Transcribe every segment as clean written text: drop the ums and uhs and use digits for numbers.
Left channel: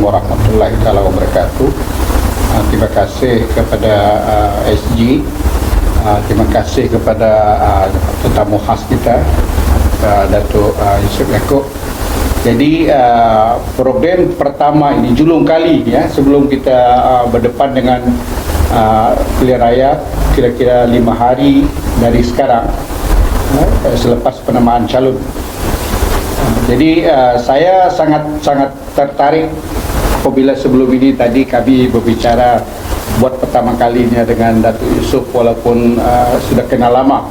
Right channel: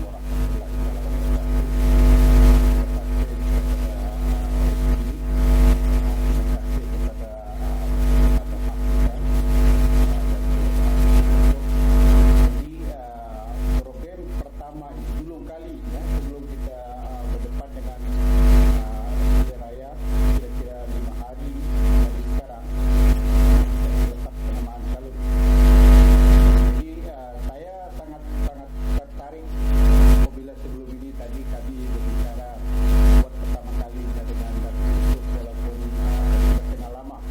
warahmatullahi wabarakatuh. Terima kasih kepada SG, terima kasih kepada tetamu khas kita, Datuk Yusof Yaakob. Jadi program pertama ini julung kali ya, sebelum kita berdepan dengan pilihan raya kira-kira 5 hari dari sekarang, selepas penamaan calon. Jadi saya sangat tertarik apabila sebelum ini tadi kami berbicara buat pertama kalinya dengan Datuk Yusof, walaupun sudah kenal lama,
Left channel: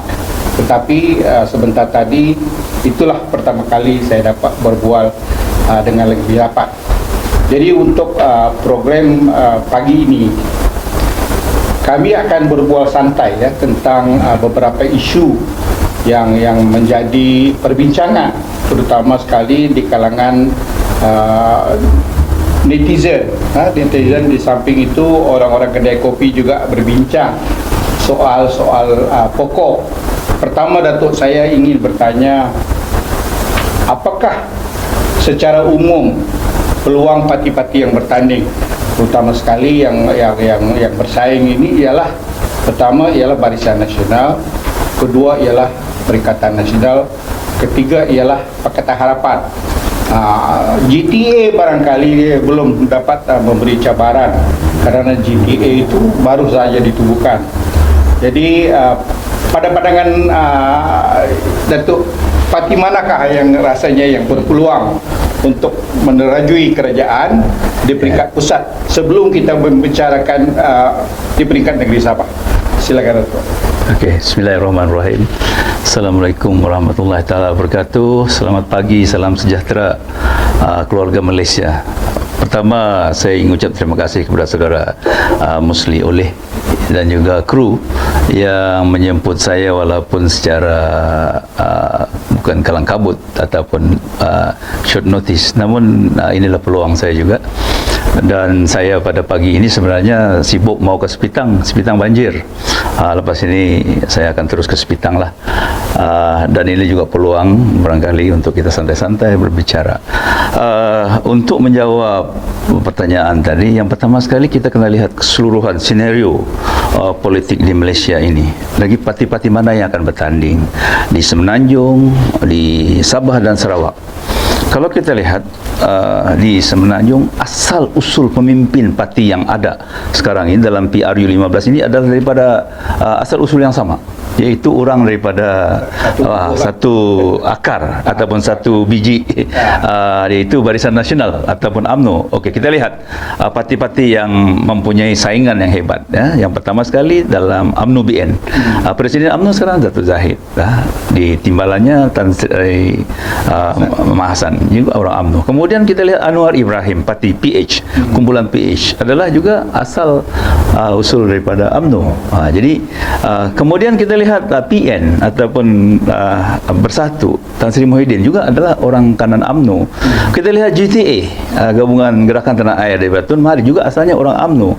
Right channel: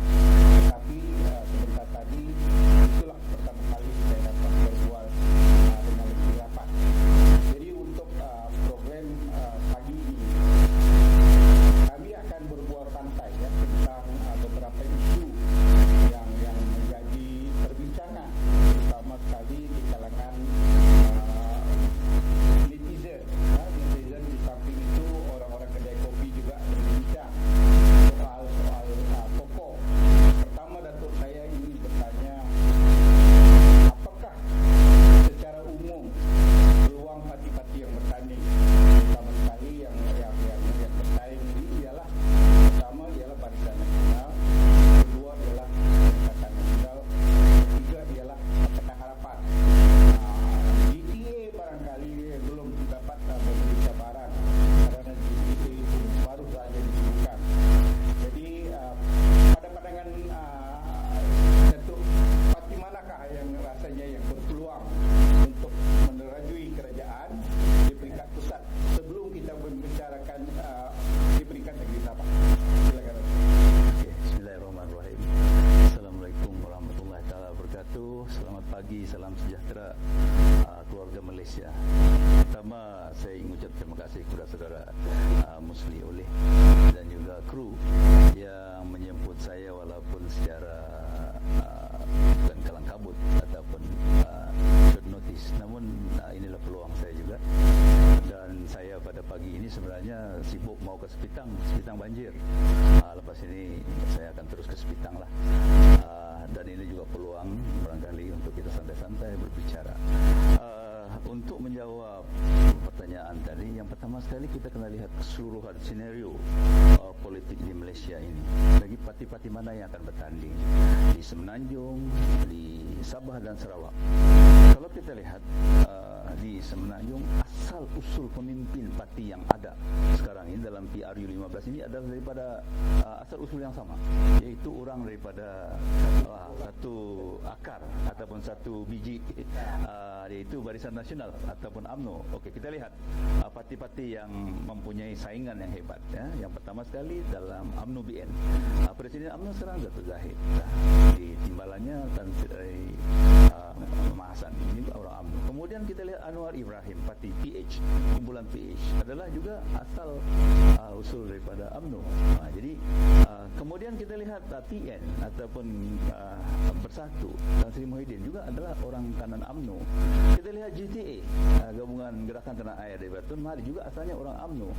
tetapi sebentar tadi itulah pertama kali saya dapat berbual dengan lebih rapat. Jadi untuk program pagi ini kami akan berbual santai ya tentang beberapa isu yang menjadi perbincangan, terutama sekali di kalangan netizen. Netizen di samping itu orang-orang kedai kopi juga berbincang soal-soal pokok. Pertama, Datuk, saya ingin bertanya, apakah secara umum peluang parti-parti yang bertanding, terutama sekali yang bersaing ini ialah, pertama ialah Barisan Nasional, kedua ialah Perikatan Nasional, ketiga ialah Pakatan Harapan. GTA barangkali belum dapat memberi cabaran karena GTA itu baru saja ditubuhkan. Jadi pada pandangan Datuk, parti manakah yang rasanya yang berpeluang untuk menerajui kerajaan di peringkat pusat sebelum kita membicarakan di peringkat negeri Sabah? Silakan, Datuk. Okey, bismillahirrahmanirrahim. Assalamualaikum warahmatullahi taala wabarakatuh. Selamat pagi, salam sejahtera keluarga Malaysia. Pertama, saya ingin ucap terima kasih kepada saudara Musli Oleh dan juga kru yang menjemput saya walaupun secara bukan kalang kabut ataupun short notice, namun inilah peluang saya juga. Dan saya pada pagi ini sebenarnya sibuk mau ke Sepitang banjir. Lepas ini saya akan terus ke Sepitang lah. Dan ini juga peluang barangkali untuk kita santai-santai berbicara. Untuk menjawab pertanyaan tadi, yang pertama sekali kita kena lihat keseluruhan senario politik di Malaysia ini. Lagi parti-parti mana yang akan bertanding di Semenanjung, di Sabah dan Sarawak. Kalau kita lihat di Semenanjung, asal usul pemimpin parti yang ada sekarang ini dalam PRU 15 ini adalah daripada asal usul yang sama, iaitu orang daripada satu akar ataupun satu biji, iaitu Barisan Nasional ataupun UMNO. Okey, kita lihat parti-parti yang mempunyai saingan yang hebat ya. Yang pertama sekali dalam UMNO BN, Presiden UMNO sekarang Datuk Zahid, di timbalannya Tan Sri Mahasan, juga orang UMNO. Kemudian kita lihat Anwar Ibrahim, parti PH, kumpulan PH, adalah juga asal usul daripada UMNO. Jadi kemudian kita lihat PN ataupun Bersatu, Tan Sri Muhyiddin juga adalah orang kanan UMNO. Kita lihat GTA, Gabungan Gerakan Tanah Air dari Tun Mahathir, juga asalnya orang UMNO.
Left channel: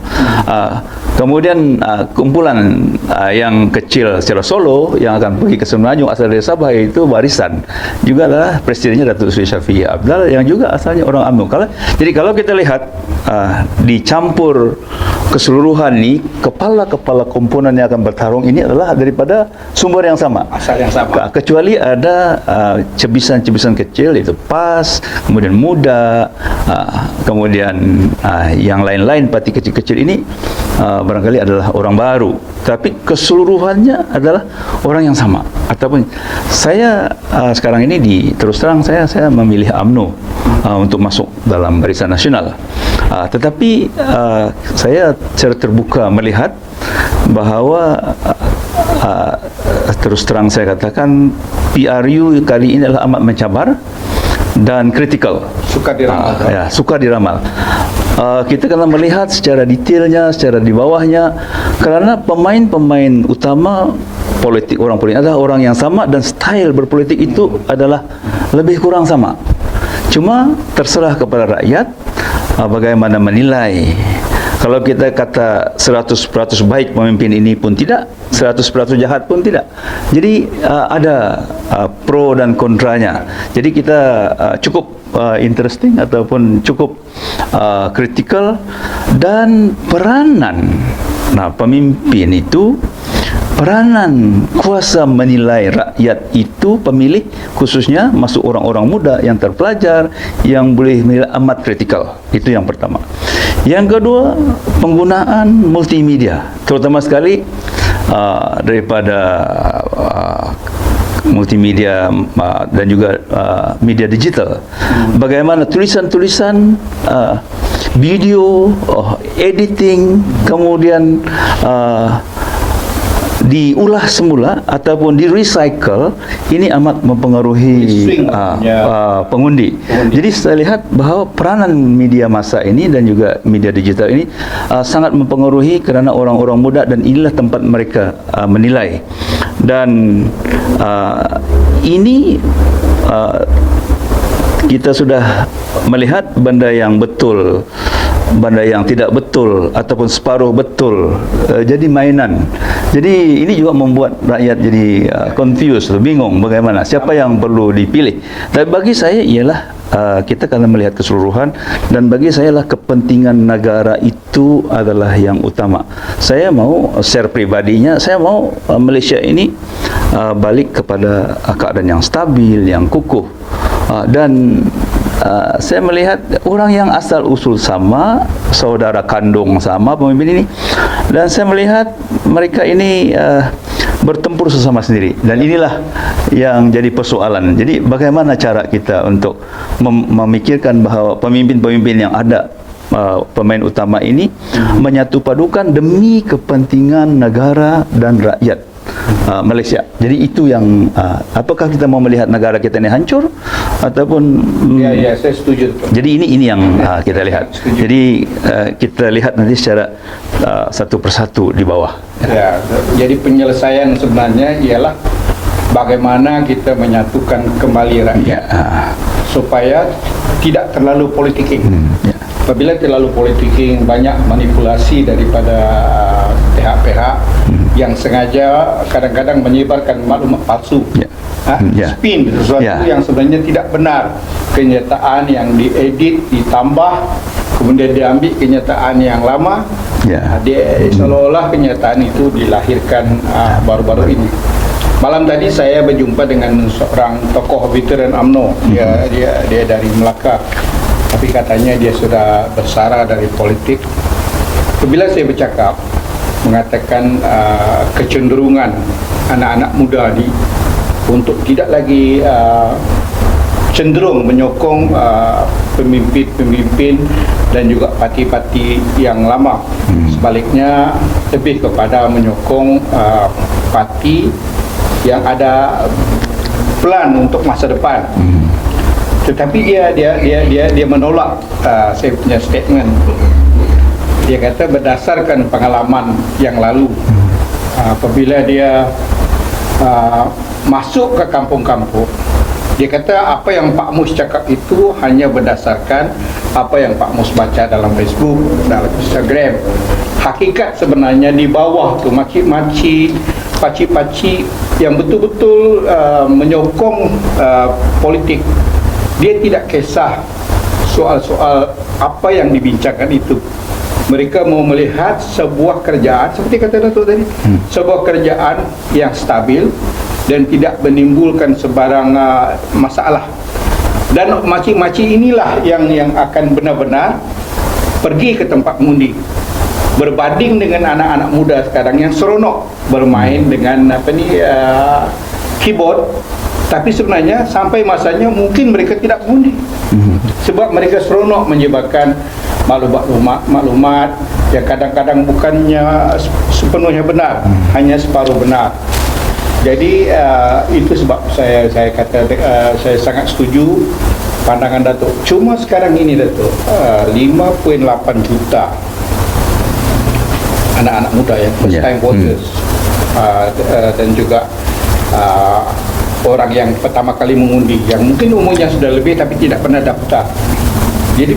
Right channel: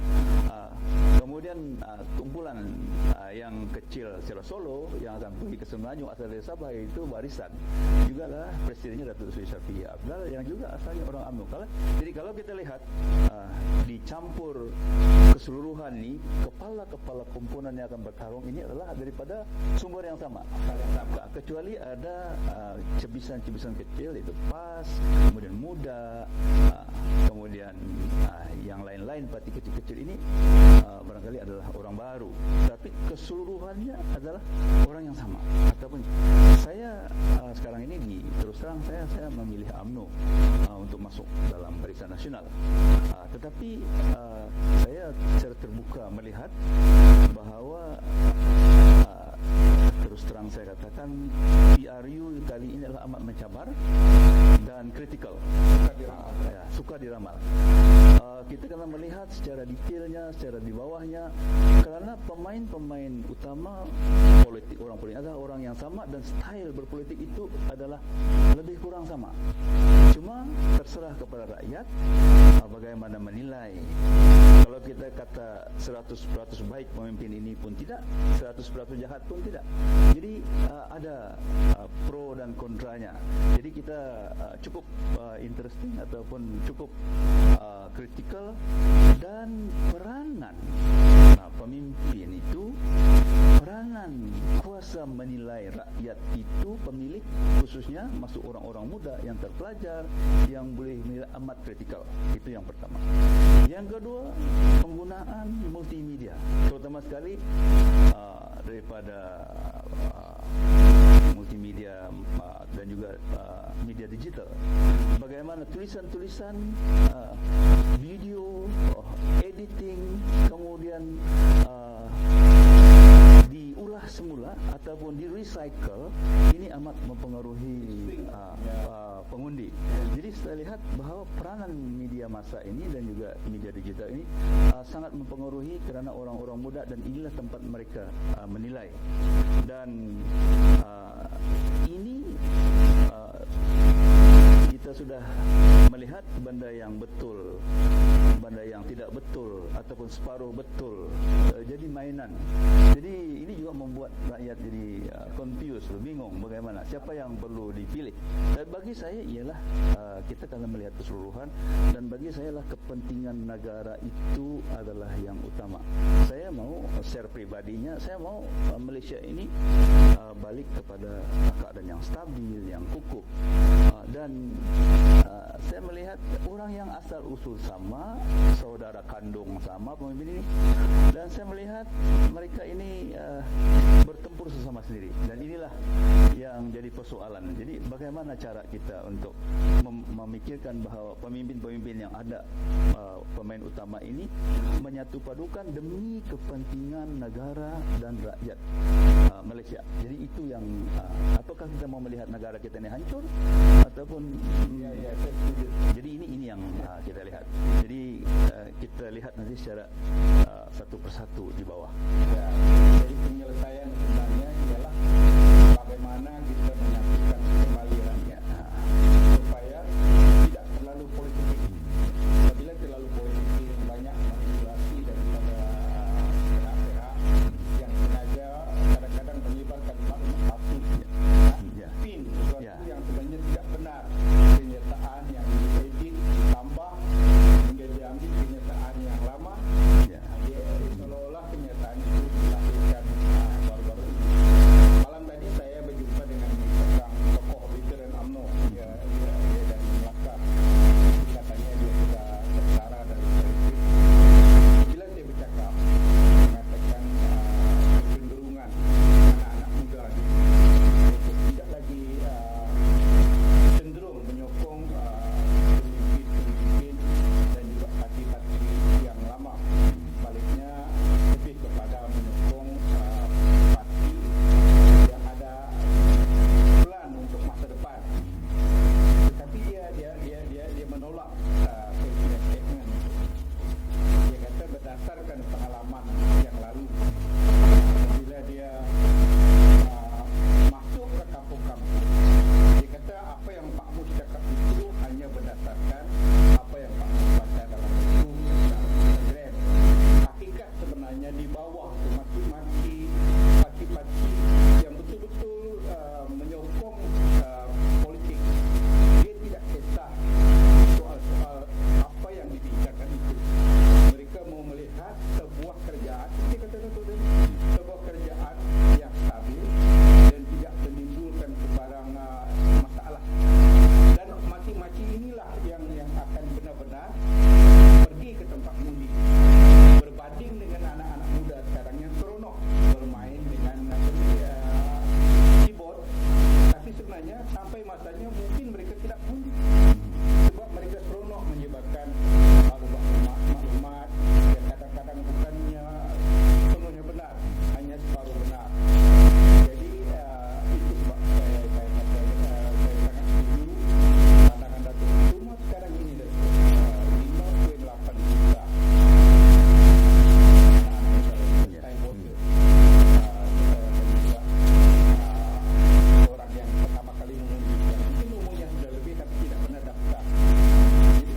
Kemudian kumpulan yang kecil secara solo yang akan pergi ke Semenanjung asal dari Sabah, iaitu Barisan, juga adalah presidennya Datuk Seri Syafiee Abdul yang juga asalnya orang UMNO. Jadi kalau kita lihat dicampur keseluruhan ini, kepala-kepala komponen yang akan bertarung ini adalah daripada sumber yang sama, asal yang sama. Kecuali ada cebisan-cebisan kecil, itu PAS, kemudian Muda, kemudian yang lain-lain parti kecil-kecil ini barangkali adalah orang baru, tapi keseluruhannya adalah orang yang sama. Ataupun saya sekarang ini terus terang saya memilih UMNO untuk masuk dalam Barisan Nasional. Tetapi saya secara terbuka melihat bahawa terus terang saya katakan PRU kali ini adalah amat mencabar dan kritikal. Sukar diramal. Sukar diramal. Kita kena melihat secara detailnya, secara di bawahnya, kerana pemain-pemain utama orang politik adalah orang yang sama dan style berpolitik itu adalah lebih kurang sama. Cuma terserah kepada rakyat bagaimana menilai Kalau kita kata 100% baik pemimpin ini pun tidak, 100% jahat pun tidak. Jadi ada pro dan kontranya. Jadi kita cukup interesting ataupun cukup kritikal, dan peranan pemimpin itu, peranan kuasa menilai rakyat itu, pemilih khususnya, masuk orang-orang muda yang terpelajar, yang boleh menilai amat kritikal. Itu yang pertama. Yang kedua, penggunaan multimedia, terutama sekali daripada multimedia dan juga media digital. Bagaimana tulisan-tulisan, video, editing, kemudian diulah semula ataupun di-recycle, ini amat mempengaruhi pengundi. Jadi saya lihat bahawa peranan media massa ini dan juga media digital ini sangat mempengaruhi, kerana orang-orang muda, dan inilah tempat mereka menilai. Dan ini kita sudah melihat benda yang betul, benda yang tidak betul ataupun separuh betul jadi mainan. Jadi ini juga membuat rakyat jadi confused, bingung bagaimana, siapa yang perlu dipilih. Tapi bagi saya ialah kita kena melihat keseluruhan, dan bagi saya lah kepentingan negara itu adalah yang utama. Saya mau share pribadinya, saya mau Malaysia ini balik kepada keadaan yang stabil, yang kukuh. Dan saya melihat orang yang asal usul sama, saudara kandung sama pemimpin ini, dan saya melihat mereka ini bertempur sesama sendiri, dan inilah yang jadi persoalan. Jadi bagaimana cara kita untuk memikirkan bahawa pemimpin-pemimpin yang ada, pemain utama ini menyatupadukan demi kepentingan negara dan rakyat Malaysia. Jadi itu yang apakah kita mau melihat negara kita ini hancur ataupun ya saya setuju. Jadi ini yang kita lihat. Jadi kita lihat nanti secara satu persatu di bawah. Ya, jadi penyelesaian sebenarnya ialah bagaimana kita menyatukan kembali rakyat supaya tidak terlalu politiking. Apabila terlalu politiking, banyak manipulasi daripada pihak-pihak yang sengaja kadang-kadang menyebarkan maklumat palsu, spin sesuatu yang sebenarnya tidak benar, kenyataan yang diedit, ditambah, kemudian diambil kenyataan yang lama, seolah-olah kenyataan itu dilahirkan baru-baru ini. Malam tadi saya berjumpa dengan seorang tokoh veteran UMNO, dia dari Melaka, tapi katanya dia sudah bersara dari politik. Apabila saya bercakap, mengatakan kecenderungan anak-anak muda ni untuk tidak lagi cenderung menyokong pemimpin-pemimpin dan juga parti-parti yang lama. Sebaliknya lebih kepada menyokong parti yang ada plan untuk masa depan. Tetapi dia menolak saya punya statement. Dia kata berdasarkan pengalaman yang lalu, apabila dia masuk ke kampung-kampung, dia kata apa yang Pak Mus cakap itu hanya berdasarkan apa yang Pak Mus baca dalam Facebook, dalam Instagram. Hakikat sebenarnya di bawah tu makcik-makcik, pakcik-pakcik yang betul-betul menyokong politik. Dia tidak kisah soal-soal apa yang dibincangkan itu. Mereka mau melihat sebuah kerjaan, seperti kata Datuk tadi, sebuah kerjaan yang stabil dan tidak menimbulkan sebarang masalah. Dan makcik-makcik inilah yang akan benar-benar pergi ke tempat mengundi, berbanding dengan anak-anak muda sekarang yang seronok bermain dengan keyboard. Tapi sebenarnya sampai masanya mungkin mereka tidak mengundi, sebab mereka seronok menyebarkan maklumat yang kadang-kadang bukannya sepenuhnya benar, hanya separuh benar. Jadi itu sebab saya kata saya sangat setuju pandangan Datuk. Cuma sekarang ini Datuk, 5.8 juta anak-anak muda yang first time voters dan juga orang yang pertama kali mengundi, yang mungkin umurnya sudah lebih tapi tidak pernah daftar. Jadi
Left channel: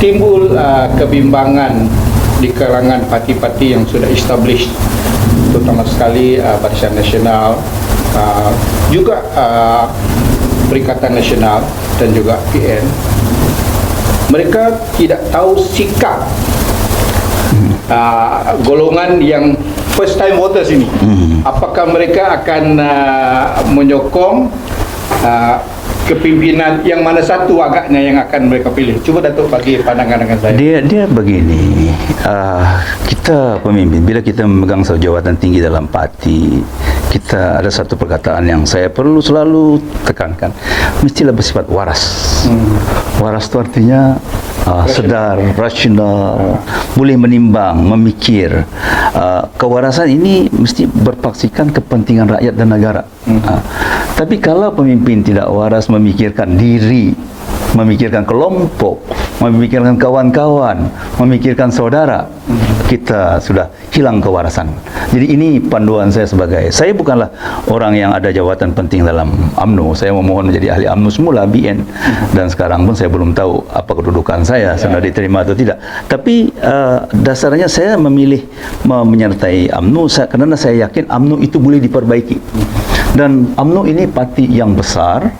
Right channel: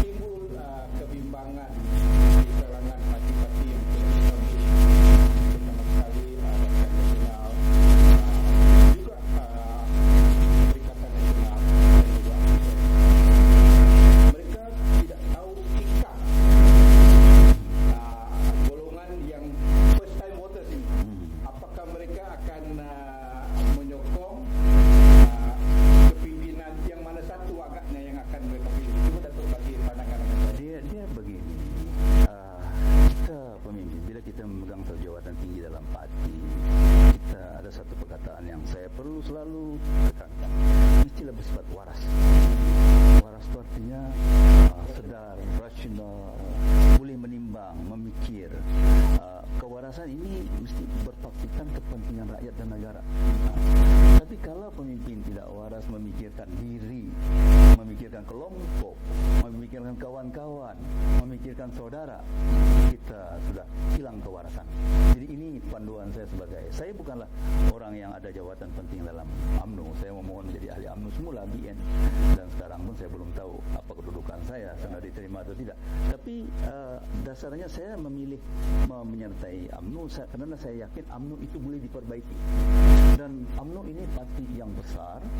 timbul kebimbangan di kalangan parti-parti yang sudah established, terutama sekali Barisan Nasional, juga Perikatan Nasional dan juga PN. Mereka tidak tahu sikap golongan yang first time voters ini. Apakah mereka akan menyokong kepimpinan yang mana satu agaknya yang akan mereka pilih? Cuba Datuk bagi pandangan dengan saya. Dia begini, kita pemimpin, bila kita memegang satu jawatan tinggi dalam parti, kita ada satu perkataan yang saya perlu selalu tekankan, mestilah bersifat waras. Waras itu artinya sedar, rasional, boleh menimbang, memikir. Kewarasan ini mesti berpaksikan kepentingan rakyat dan negara. Tapi kalau pemimpin tidak waras, memikirkan diri, memikirkan kelompok, memikirkan kawan-kawan, memikirkan saudara, kita sudah hilang kewarasan. Jadi ini panduan saya saya bukanlah orang yang ada jawatan penting dalam UMNO. Saya memohon menjadi ahli UMNO semula, BN, dan sekarang pun saya belum tahu apa kedudukan saya, sudah diterima atau tidak. Tapi dasarnya saya memilih menyertai UMNO karena saya yakin UMNO itu boleh diperbaiki. Dan UMNO ini parti yang besar,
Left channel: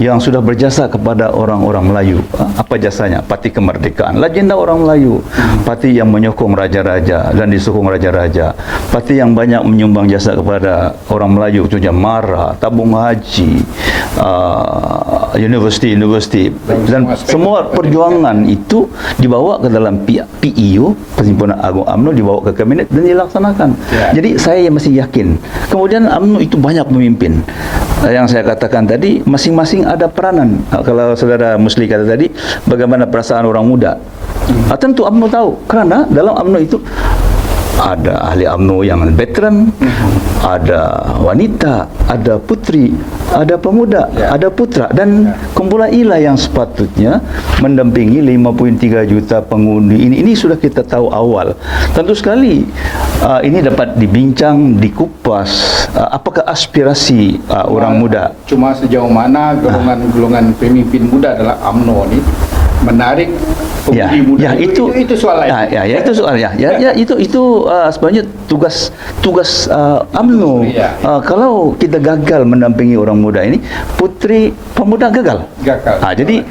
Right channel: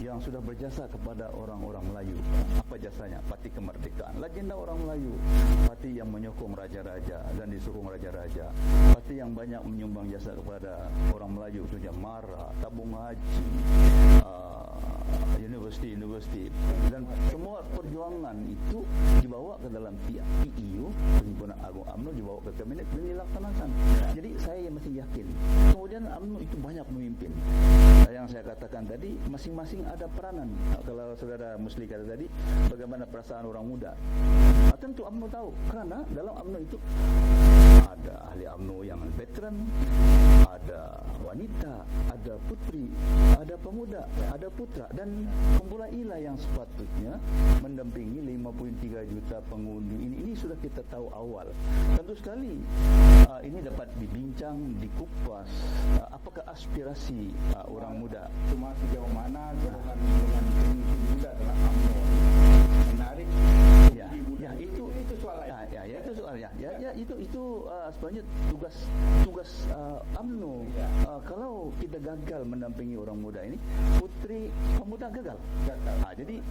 yang sudah berjasa kepada orang-orang Melayu. Apa jasanya? Parti Kemerdekaan, legenda orang Melayu. Parti yang menyokong raja-raja dan disokong raja-raja. Parti yang banyak menyumbang jasa kepada orang Melayu, contohnya MARA, tabung haji, universiti, dan semua perjuangan itu dibawa ke dalam PIU, Perhimpunan Agung UMNO, dibawa ke kabinet dan dilaksanakan. Jadi saya masih yakin. Kemudian UMNO itu banyak pemimpin. Yang saya katakan tadi, masing-masing ada peranan. Kalau saudara Musli kata tadi, bagaimana perasaan orang muda? Tentu UMNO tahu, karena dalam UMNO itu ada ahli UMNO yang veteran, ada wanita, ada putri, ada pemuda, ada putra, dan kumpulan inilah yang sepatutnya mendampingi 5.3 juta pengundi ini. Ini sudah kita tahu awal. Tentu sekali ini dapat dibincang, dikupas, apakah aspirasi orang muda. Cuma sejauh mana golongan pemimpin muda dalam UMNO ini menarik pengundi muda. Itu soal lain. Itu soal itu sebenarnya tugas UMNO. Kalau kita gagal mendampingi orang muda ini, putri pemuda gagal. Jadi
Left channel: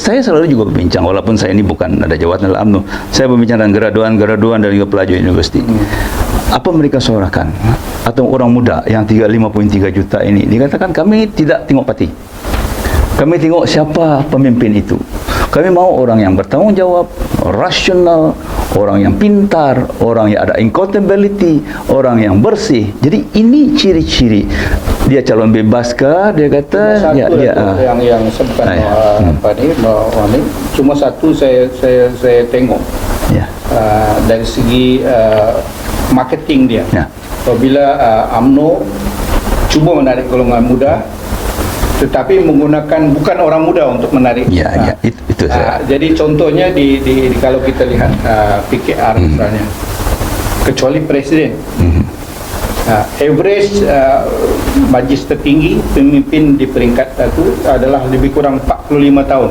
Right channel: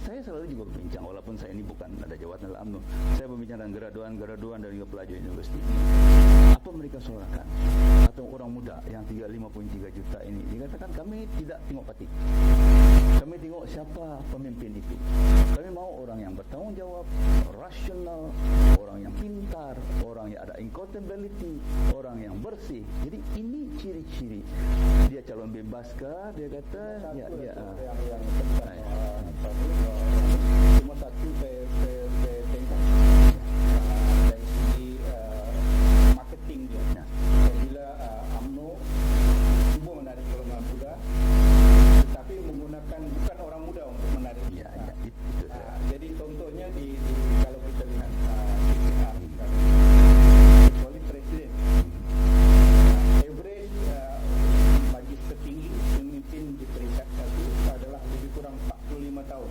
saya selalu juga berbincang, walaupun saya ini bukan ada jawatan dalam UMNO, saya berbincang dengan graduan dan juga pelajar universiti. Apa mereka suarakan? Atau orang muda yang 5.3 juta ini dikatakan, kami tidak tengok parti, kami tengok siapa pemimpin itu. Kami mau orang yang bertanggung jawab, rasional, orang yang pintar, orang yang ada accountability, orang yang bersih. Jadi ini ciri-ciri. Dia calon bebas kah? Dia kata yang sebutkan cuma satu saya tengok dari segi marketing dia. Apabila UMNO cuba menarik golongan muda, tetapi menggunakan bukan orang muda untuk menarik. Itu saya. Jadi contohnya di kalau kita lihat PKR misalnya, kecuali presiden, average majlis tertinggi pemimpin di peringkat satu adalah lebih kurang 45 tahun.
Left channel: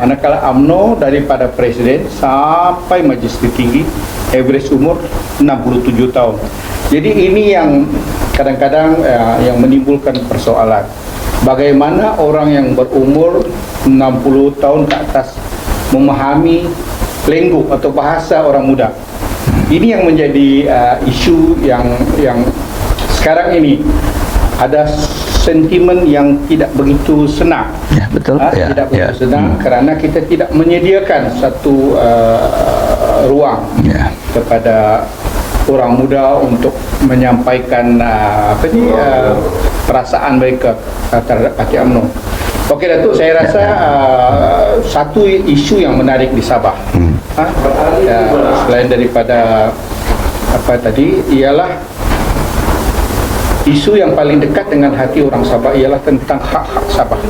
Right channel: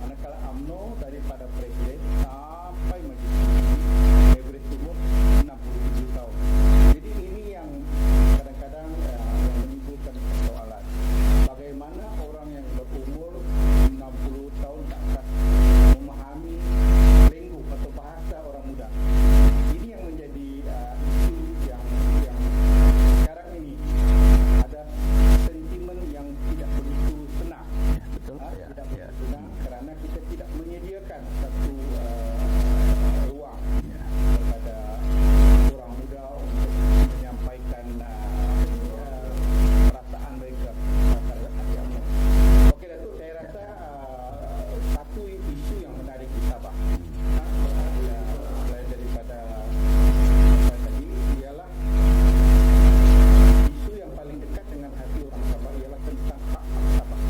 Manakala UMNO daripada presiden sampai majlis tertinggi average umur 67 tahun. Jadi ini yang kadang-kadang yang menimbulkan persoalan. Bagaimana orang yang berumur 60 tahun ke atas memahami lengguk atau bahasa orang muda? Ini yang menjadi isu yang sekarang ini ada sentimen yang tidak begitu senang. Betul. Tidak begitu senang kerana kita tidak menyediakan satu ruang kepada orang muda untuk menyampaikan perasaan mereka terhadap parti UMNO. Okey Datuk, saya rasa satu isu yang menarik di Sabah, selain daripada apa tadi, ialah isu yang paling dekat dengan hati orang Sabah ialah tentang hak-hak Sabah,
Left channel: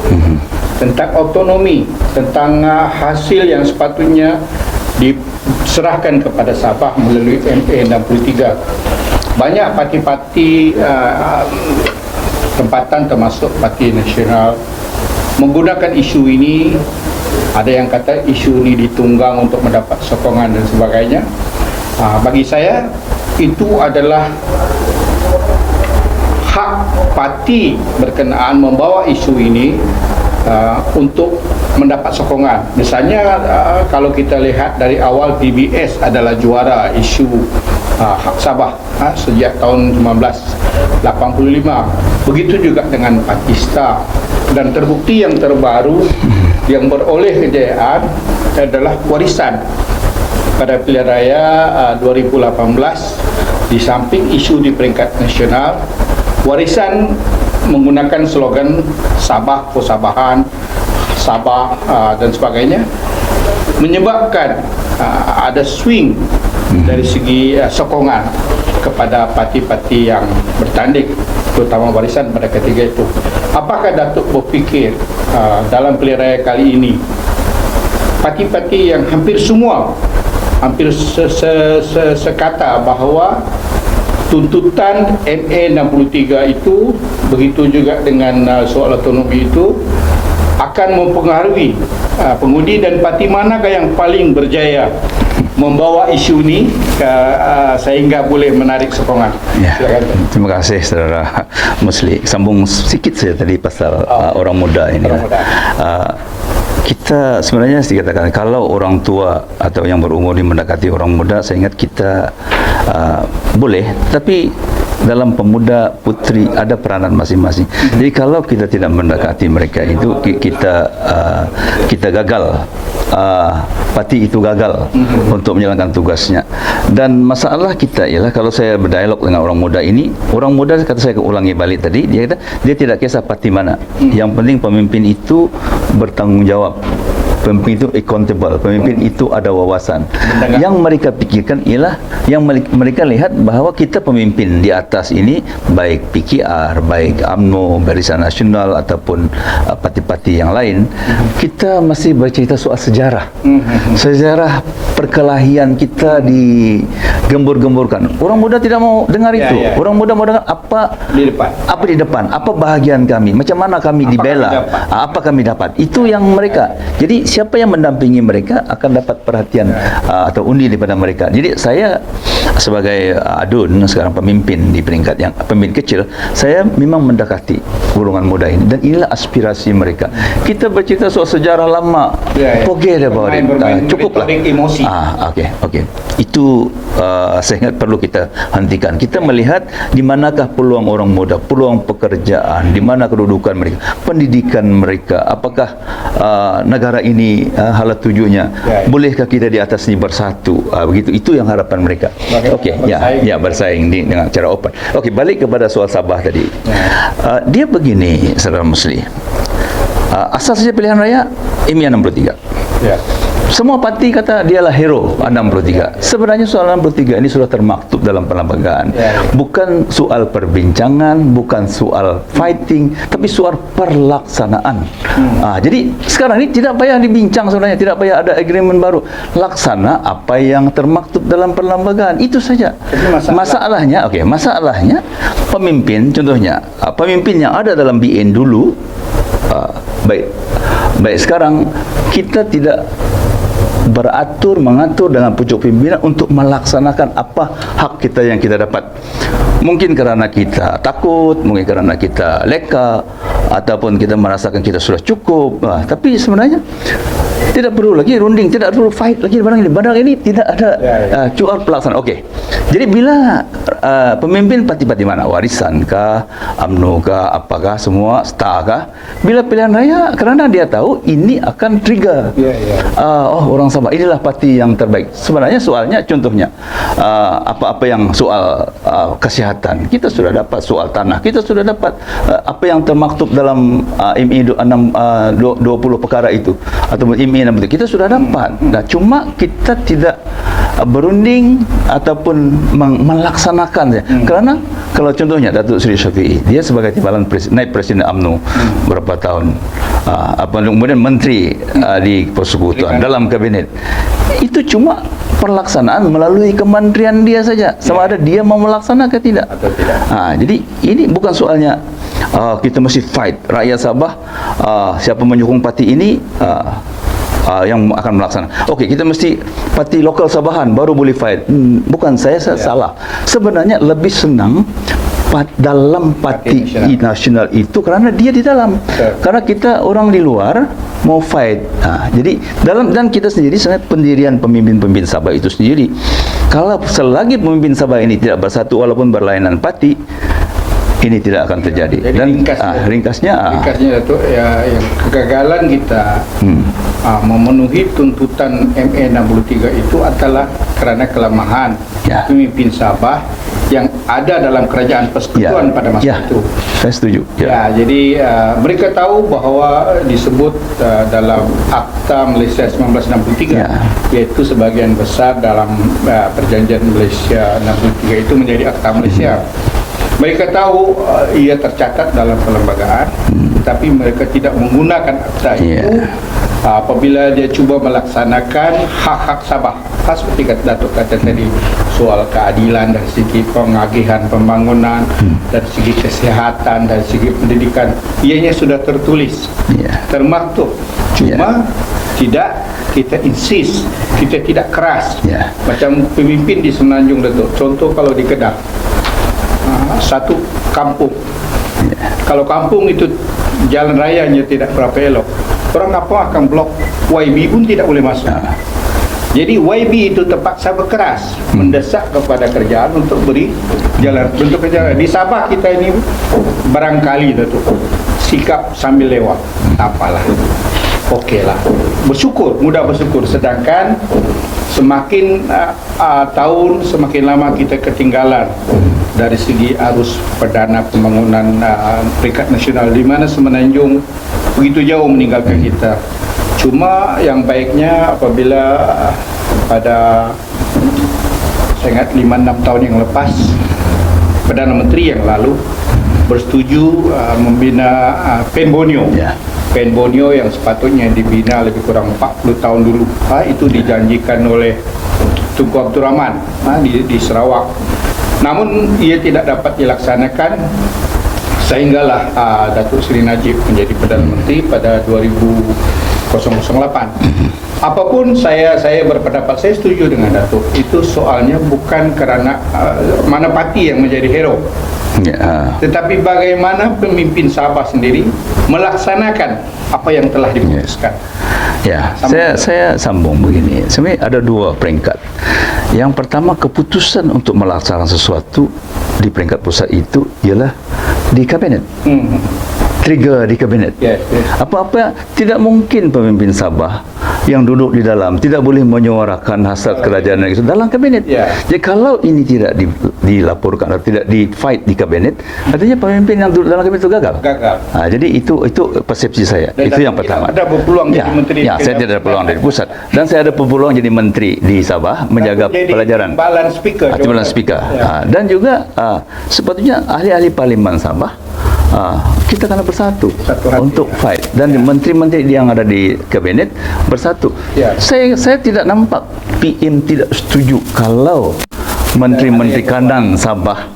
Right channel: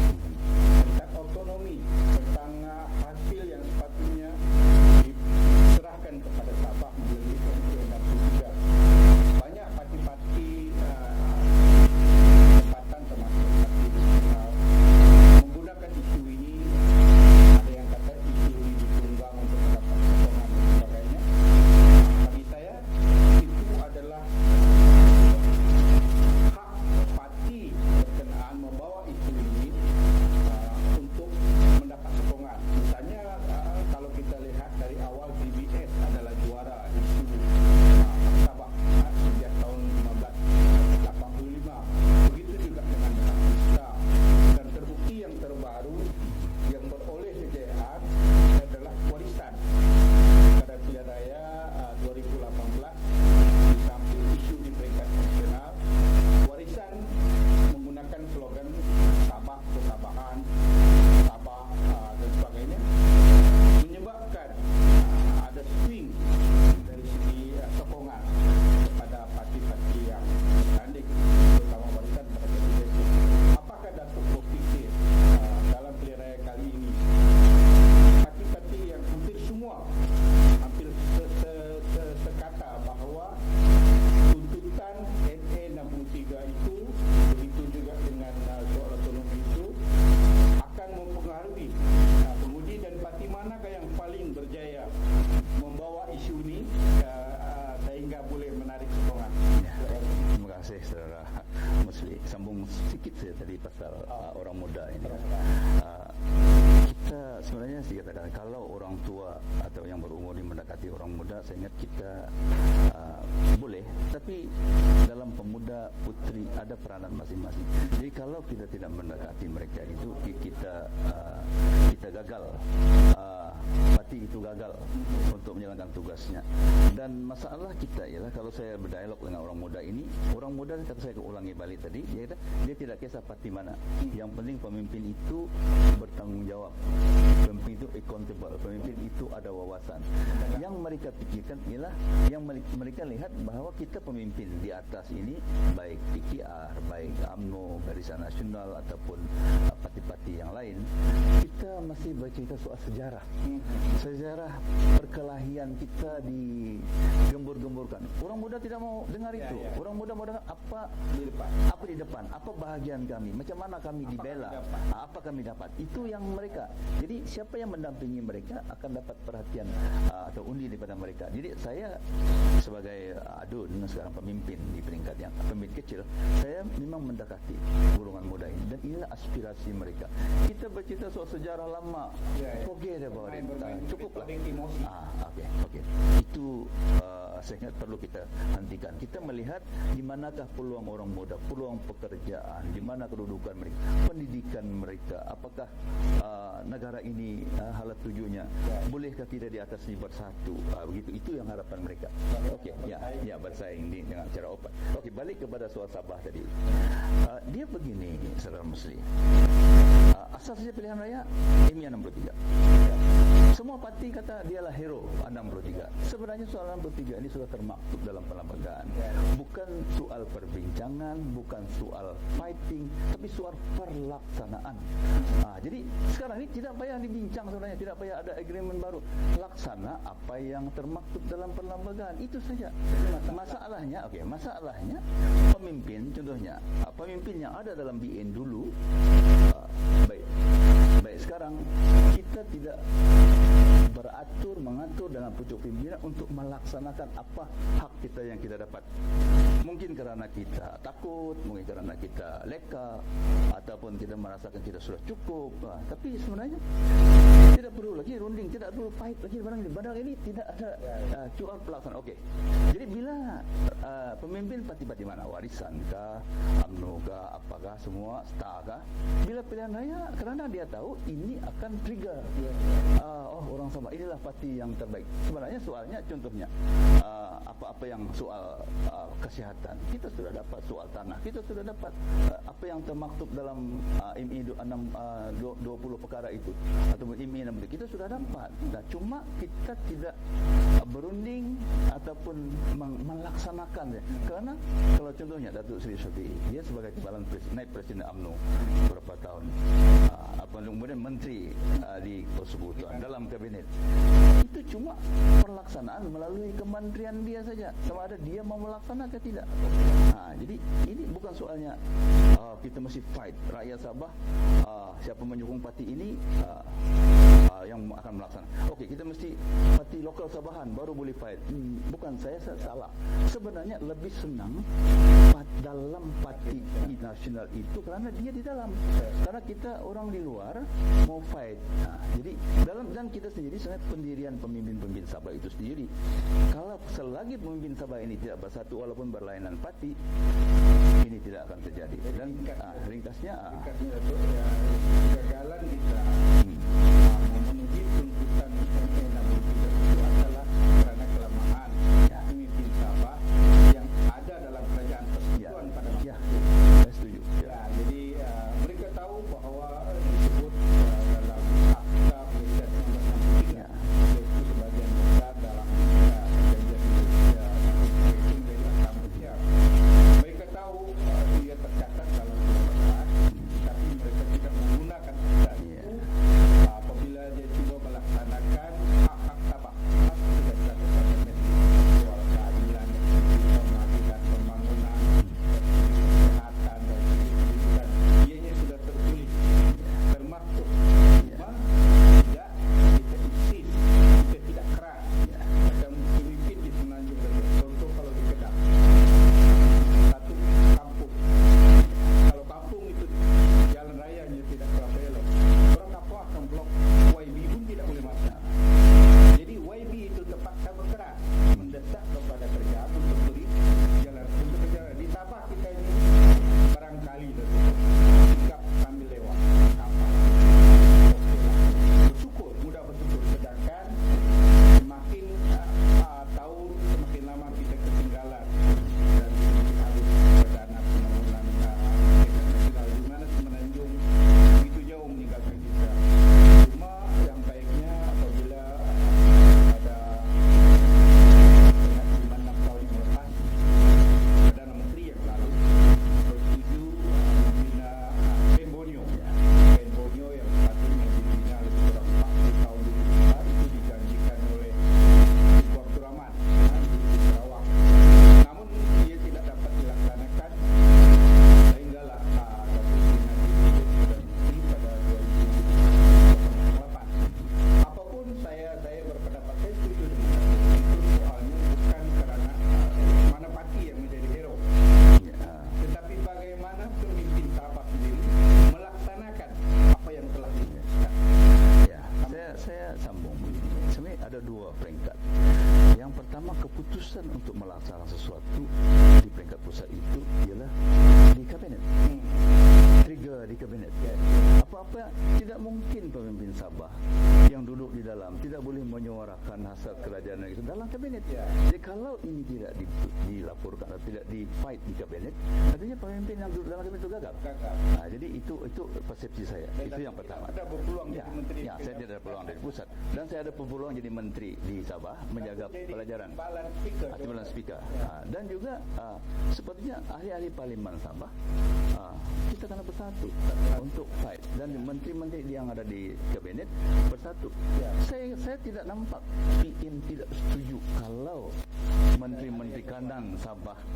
tentang autonomi, tentang hasil yang sepatutnya diserahkan kepada Sabah melalui MA 63. Banyak parti-parti tempatan termasuk Parti Nasional menggunakan isu ini Ada yang kata isu ini ditunggang untuk mendapat sokongan dan sebagainya. Bagi saya itu adalah hak parti berkenaan membawa isu ini untuk mendapat sokongan. Misalnya kalau kita lihat dari awal PBS adalah juara isu hak Sabah sejak tahun 1985. Begitu juga dengan Pakistan. Dan terbukti yang terbaru yang beroleh kejayaan adalah warisan. Pada pilihan raya 2018, di samping isu di peringkat nasional, warisan menggunakan slogan Sabah, Persabahan, Sabah dan sebagainya, menyebabkan ada swing dari segi sokongan kepada parti-parti yang bertanding, terutama warisan pada ketiga itu. Apakah Datuk berfikir dalam pilihan raya kali ini parti-parti yang hampir semua sekata bahawa tuntutan MA 63 itu, begitu juga dengan soal otonomi itu, akan mempengaruhi pengundi, dan parti manakah yang paling berjaya membawa isu ini sehingga boleh menarik sokongan? Ya, terima kasih Saudara Musli. Sambung sedikit saja tadi pasal orang muda ini. Orang muda. Kita sebenarnya dikatakan kalau orang tua atau yang berumur ini mendekati orang muda, saya ingat kita boleh, tapi dalam pemuda putri ada peranan masing-masing. Jadi kalau kita tidak mendekati mereka itu kita gagal. Parti itu gagal untuk menjalankan tugasnya. Dan masalah kita ialah kalau saya berdialog dengan orang muda ini, orang muda, kata saya ulangi balik tadi, dia kata dia tidak kisah parti mana. Yang penting pemimpin itu bertanggung jawab. Pemimpin itu accountable, pemimpin itu ada wawasan. Yang mereka pikirkan ialah, yang mereka lihat bahawa kita pemimpin di atas ini, baik PKR, baik UMNO, Barisan Nasional ataupun parti-parti yang lain, kita masih bercerita soal sejarah. Sejarah perkelahian kita digembur-gemburkan. Orang muda tidak mau dengar itu. Orang muda mau dengar apa di depan, apa bahagian kami, macam mana kami dibela, apa kami dapat. Itu yang mereka. Jadi siapa yang mendampingi mereka akan dapat perhatian atau undi daripada mereka. Jadi saya sebagai adun sekarang pemimpin di peringkat yang pemimpin kecil, saya memang mendekati golongan muda ini, dan inilah aspirasi mereka. Kita bercerita soal sejarah lama, forget about it, cukuplah. Okey. Itu saya ingat perlu kita hentikan. Kita melihat di manakah peluang orang muda, peluang pekerjaan, di mana kedudukan mereka, pendidikan mereka, apakah negara ini halat tujuannya, bolehkah kita di atas ini bersatu, begitu. Itu yang harapan mereka. Okey, bersaing dengan cara open. Okey, balik kepada soal Sabah tadi. Dia begini, Saudara Musli. Asal saja pilihan raya MA 63. Semua parti kata dialah hero 63. Sebenarnya soal 63 ini sudah termaktub dalam perlembagaan. Bukan soal perbincangan, bukan soal fighting, tapi soal perlaksanaan. Jadi sekarang ini tidak payah dibincang sebenarnya, tidak payah ada agreement baru. Laksana apa yang termaktub dalam perlembagaan, itu saja. Masalahnya pemimpin, contohnya pemimpin yang ada dalam BN dulu, baik sekarang kita tidak mengatur dengan pucuk pimpinan untuk melaksanakan apa hak kita yang kita dapat. Mungkin kerana kita takut, mungkin kerana kita leka, ataupun kita merasakan kita sudah cukup. Tapi sebenarnya tidak perlu lagi runding, tidak perlu fight lagi barang ini tidak ada cuar pelaksanaan. Okey. Jadi bila pemimpin parti-parti mana, warisan kah, UMNO kah, apakah semua, star kah, bila pilihan raya, kerana dia tahu ini akan trigger. Orang Sabah, inilah parti yang terbaik. Sebenarnya soalnya, contohnya apa-apa yang soal kesihatan, kita sudah dapat. Soal tanah, kita sudah dapat. Apa yang termaktub dalam MA 20 perkara itu, atau MA 60, kita sudah dapat. Cuma kita tidak berunding ataupun melaksanakan. Kerana kalau contohnya Datuk Seri Syafiee, dia sebagai timbalan naib presiden UMNO berapa tahun, kemudian menteri di persekutuan dalam kabinet, itu cuma pelaksanaan melalui kementerian dia saja, sama ada dia mau melaksanakan ke tidak. Jadi ini bukan soalnya kita mesti fight rakyat Sabah, siapa menyokong parti ini, yang akan melaksanakan. Okey, kita mesti parti lokal Sabahan baru boleh fight. Bukan saya salah. Sebenarnya lebih senang dalam parti nasional itu kerana dia di dalam. Karena kita orang di luar mau fight. Jadi dan kita sendiri sebenarnya pendirian pemimpin-pemimpin Sabah itu sendiri. Kalau selagi pemimpin Sabah ini tidak bersatu walaupun berlainan parti, ini tidak akan terjadi. Jadi dan ringkasnya itu yang kegagalan kita memenuhi tuntutan ME 63 itu adalah kerana kelemahan pemimpin Sabah yang ada dalam kerajaan persekutuan pada masa itu. Saya setuju. Jadi mereka tahu bahawa disebut dalam Akta Malaysia 1963, yaitu sebagian besar dalam perjanjian Malaysia 63 itu menjadi Akta Malaysia. Mereka tahu ia tercatat dalam perlembagaan, tapi mereka tidak menggunakan akta itu apabila dia cuba melaksanakan hak-hak Sabah. Seperti Datuk kata tadi, soal keadilan dari segi pengagihan pembangunan, dari segi kesihatan, dari segi pendidikan, ianya sudah tertulis, termaktub. Cuma tidak kita insist, kita tidak keras. Macam pemimpin di Semenanjung, Datuk. Contoh kalau di Kedah, satu kampung, kalau kampung itu jalan rayanya tidak berapa elok, orang apa akan blok, YB pun tidak boleh masuk. Jadi YB itu terpaksa berkeras mendesak kepada kerajaan untuk beri jalan, bentuk jalan. Di Sabah kita ini barangkali itu sikap sambil lewat, apalah, okeylah, bersyukur, mudah bersyukur. Sedangkan semakin tahun semakin lama kita ketinggalan dari segi arus perdana pembangunan peringkat nasional, di mana Semenanjung begitu jauh meninggalkan kita. Cuma yang baiknya apabila pada saya ingat 5-6 tahun yang lepas, Perdana Menteri yang lalu bersetuju membina Pen Borneo. Pen Borneo yang sepatutnya dibina lebih kurang 40 tahun dulu. Itu dijanjikan oleh Tunku Abdul Rahman di Sarawak. Namun ia tidak dapat dilaksanakan sehinggalah Datuk Seri Najib menjadi Perdana Menteri pada 2008. Apapun saya berpendapat, saya setuju dengan Datuk. Itu soalnya bukan kerana mana parti yang menjadi hero, tetapi bagaimana pemimpin Sabah sendiri melaksanakan apa yang telah diputuskan. Saya sambung begini. Sebenarnya ada dua peringkat. Yang pertama, keputusan untuk melaksanakan sesuatu di peringkat pusat itu ialah di kabinet. Trigger di kabinet. Apa-apa tidak mungkin pemimpin Sabah yang duduk di dalam tidak boleh menyuarakan hasrat kerajaan itu dalam kabinet. Jadi kalau ini tidak dilaporkan atau tidak di fight di kabinet, artinya pemimpin yang duduk dalam kabinet itu gagal. Jadi itu persepsi saya. Dan itu yang pertama. Ada berpeluang jadi menteri. Saya tidak ada peluang dari pusat, dan saya ada peluang jadi menteri di Sabah menjaga pelajaran. Timbalan speaker. Dan juga sepatutnya ahli-ahli parlimen Sabah kita kena bersatu untuk fight, dan menteri-menteri yang ada di kabinet bersatu. Saya tidak nampak PM tidak setuju kalau menteri-menteri kanan Sabah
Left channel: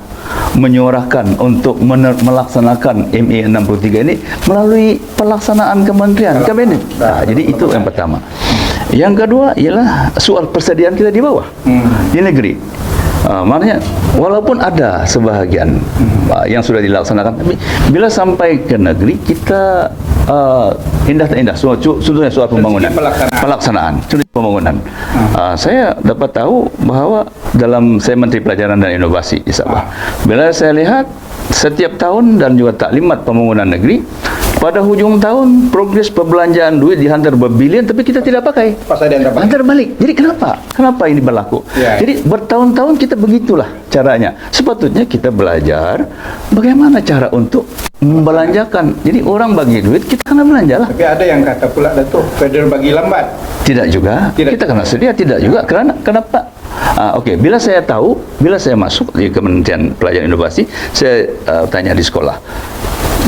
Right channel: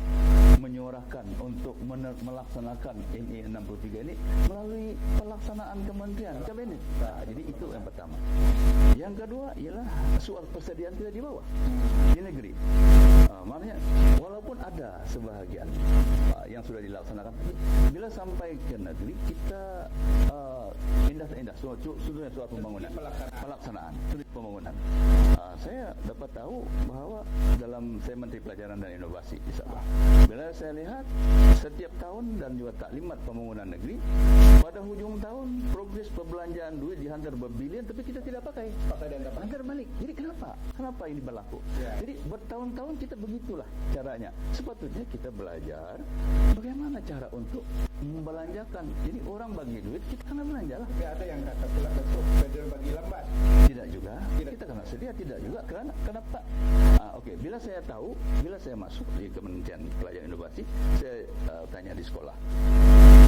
menyuarakan untuk melaksanakan ME 63 ini melalui pelaksanaan kementerian kabinet. Jadi itu yang pertama. Yang kedua ialah soal persediaan kita di bawah, di negeri. Maknanya walaupun ada sebahagian yang sudah dilaksanakan, tapi bila sampai ke negeri kita indah tak indah, contohnya soal pembangunan, pelaksanaan pembangunan. Saya dapat tahu bahawa dalam saya Menteri Pelajaran dan Inovasi di Sabah, bila saya lihat setiap tahun dan juga taklimat pembangunan negeri, pada hujung tahun progres perbelanjaan duit dihantar berbilion, tapi kita tidak pakai. Hantar balik. Jadi kenapa ini berlaku? Jadi bertahun-tahun kita begitulah caranya. Sepatutnya kita belajar bagaimana cara untuk membelanjakan. Jadi orang bagi duit, kita kena belanja lah. Tapi ada yang kata pula, Datuk, federal bagi lambat. Tidak juga. Kita kena sedia, tidak juga. Kenapa? Okey, bila saya masuk di Kementerian Pelajaran Inovasi, saya tanya di sekolah,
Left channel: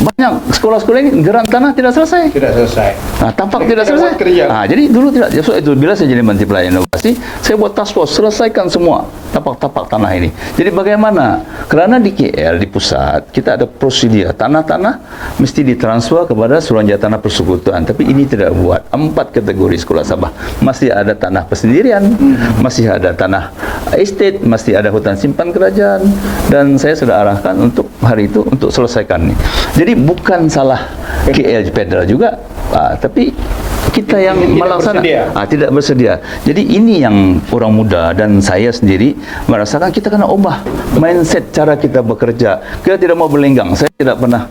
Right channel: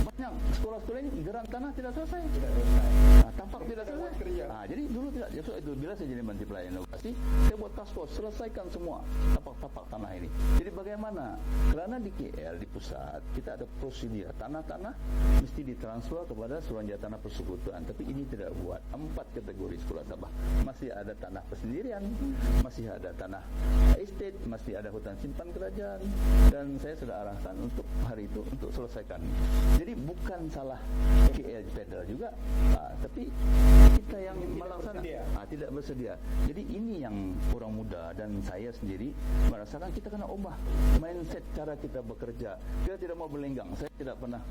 banyak sekolah-sekolah ini geran tanah tidak selesai. Tidak selesai. Tapak tidak Tidak selesai. buat kerja. Jadi dulu tidak. So, itu bila saya jadi Menteri Pelayanan Inovasi, saya buat task force selesaikan semua tapak-tapak tanah ini. Jadi bagaimana? Karena di KL di pusat kita ada prosedur tanah-tanah mesti ditransfer kepada Suruhanjaya Tanah Persekutuan. Tapi ini tidak buat. 4 kategori sekolah Sabah. Masih ada tanah persendirian, masih ada tanah estate, masih ada hutan simpan kerajaan, dan saya sudah arahkan untuk hari itu untuk selesaikan ini. Jadi bukan salah KL Federal juga, tapi kita yang melaksanakan tidak bersedia. Jadi ini yang orang muda dan saya sendiri merasakan kita kena ubah mindset cara kita bekerja. Kita tidak mau berlenggang. Saya tidak pernah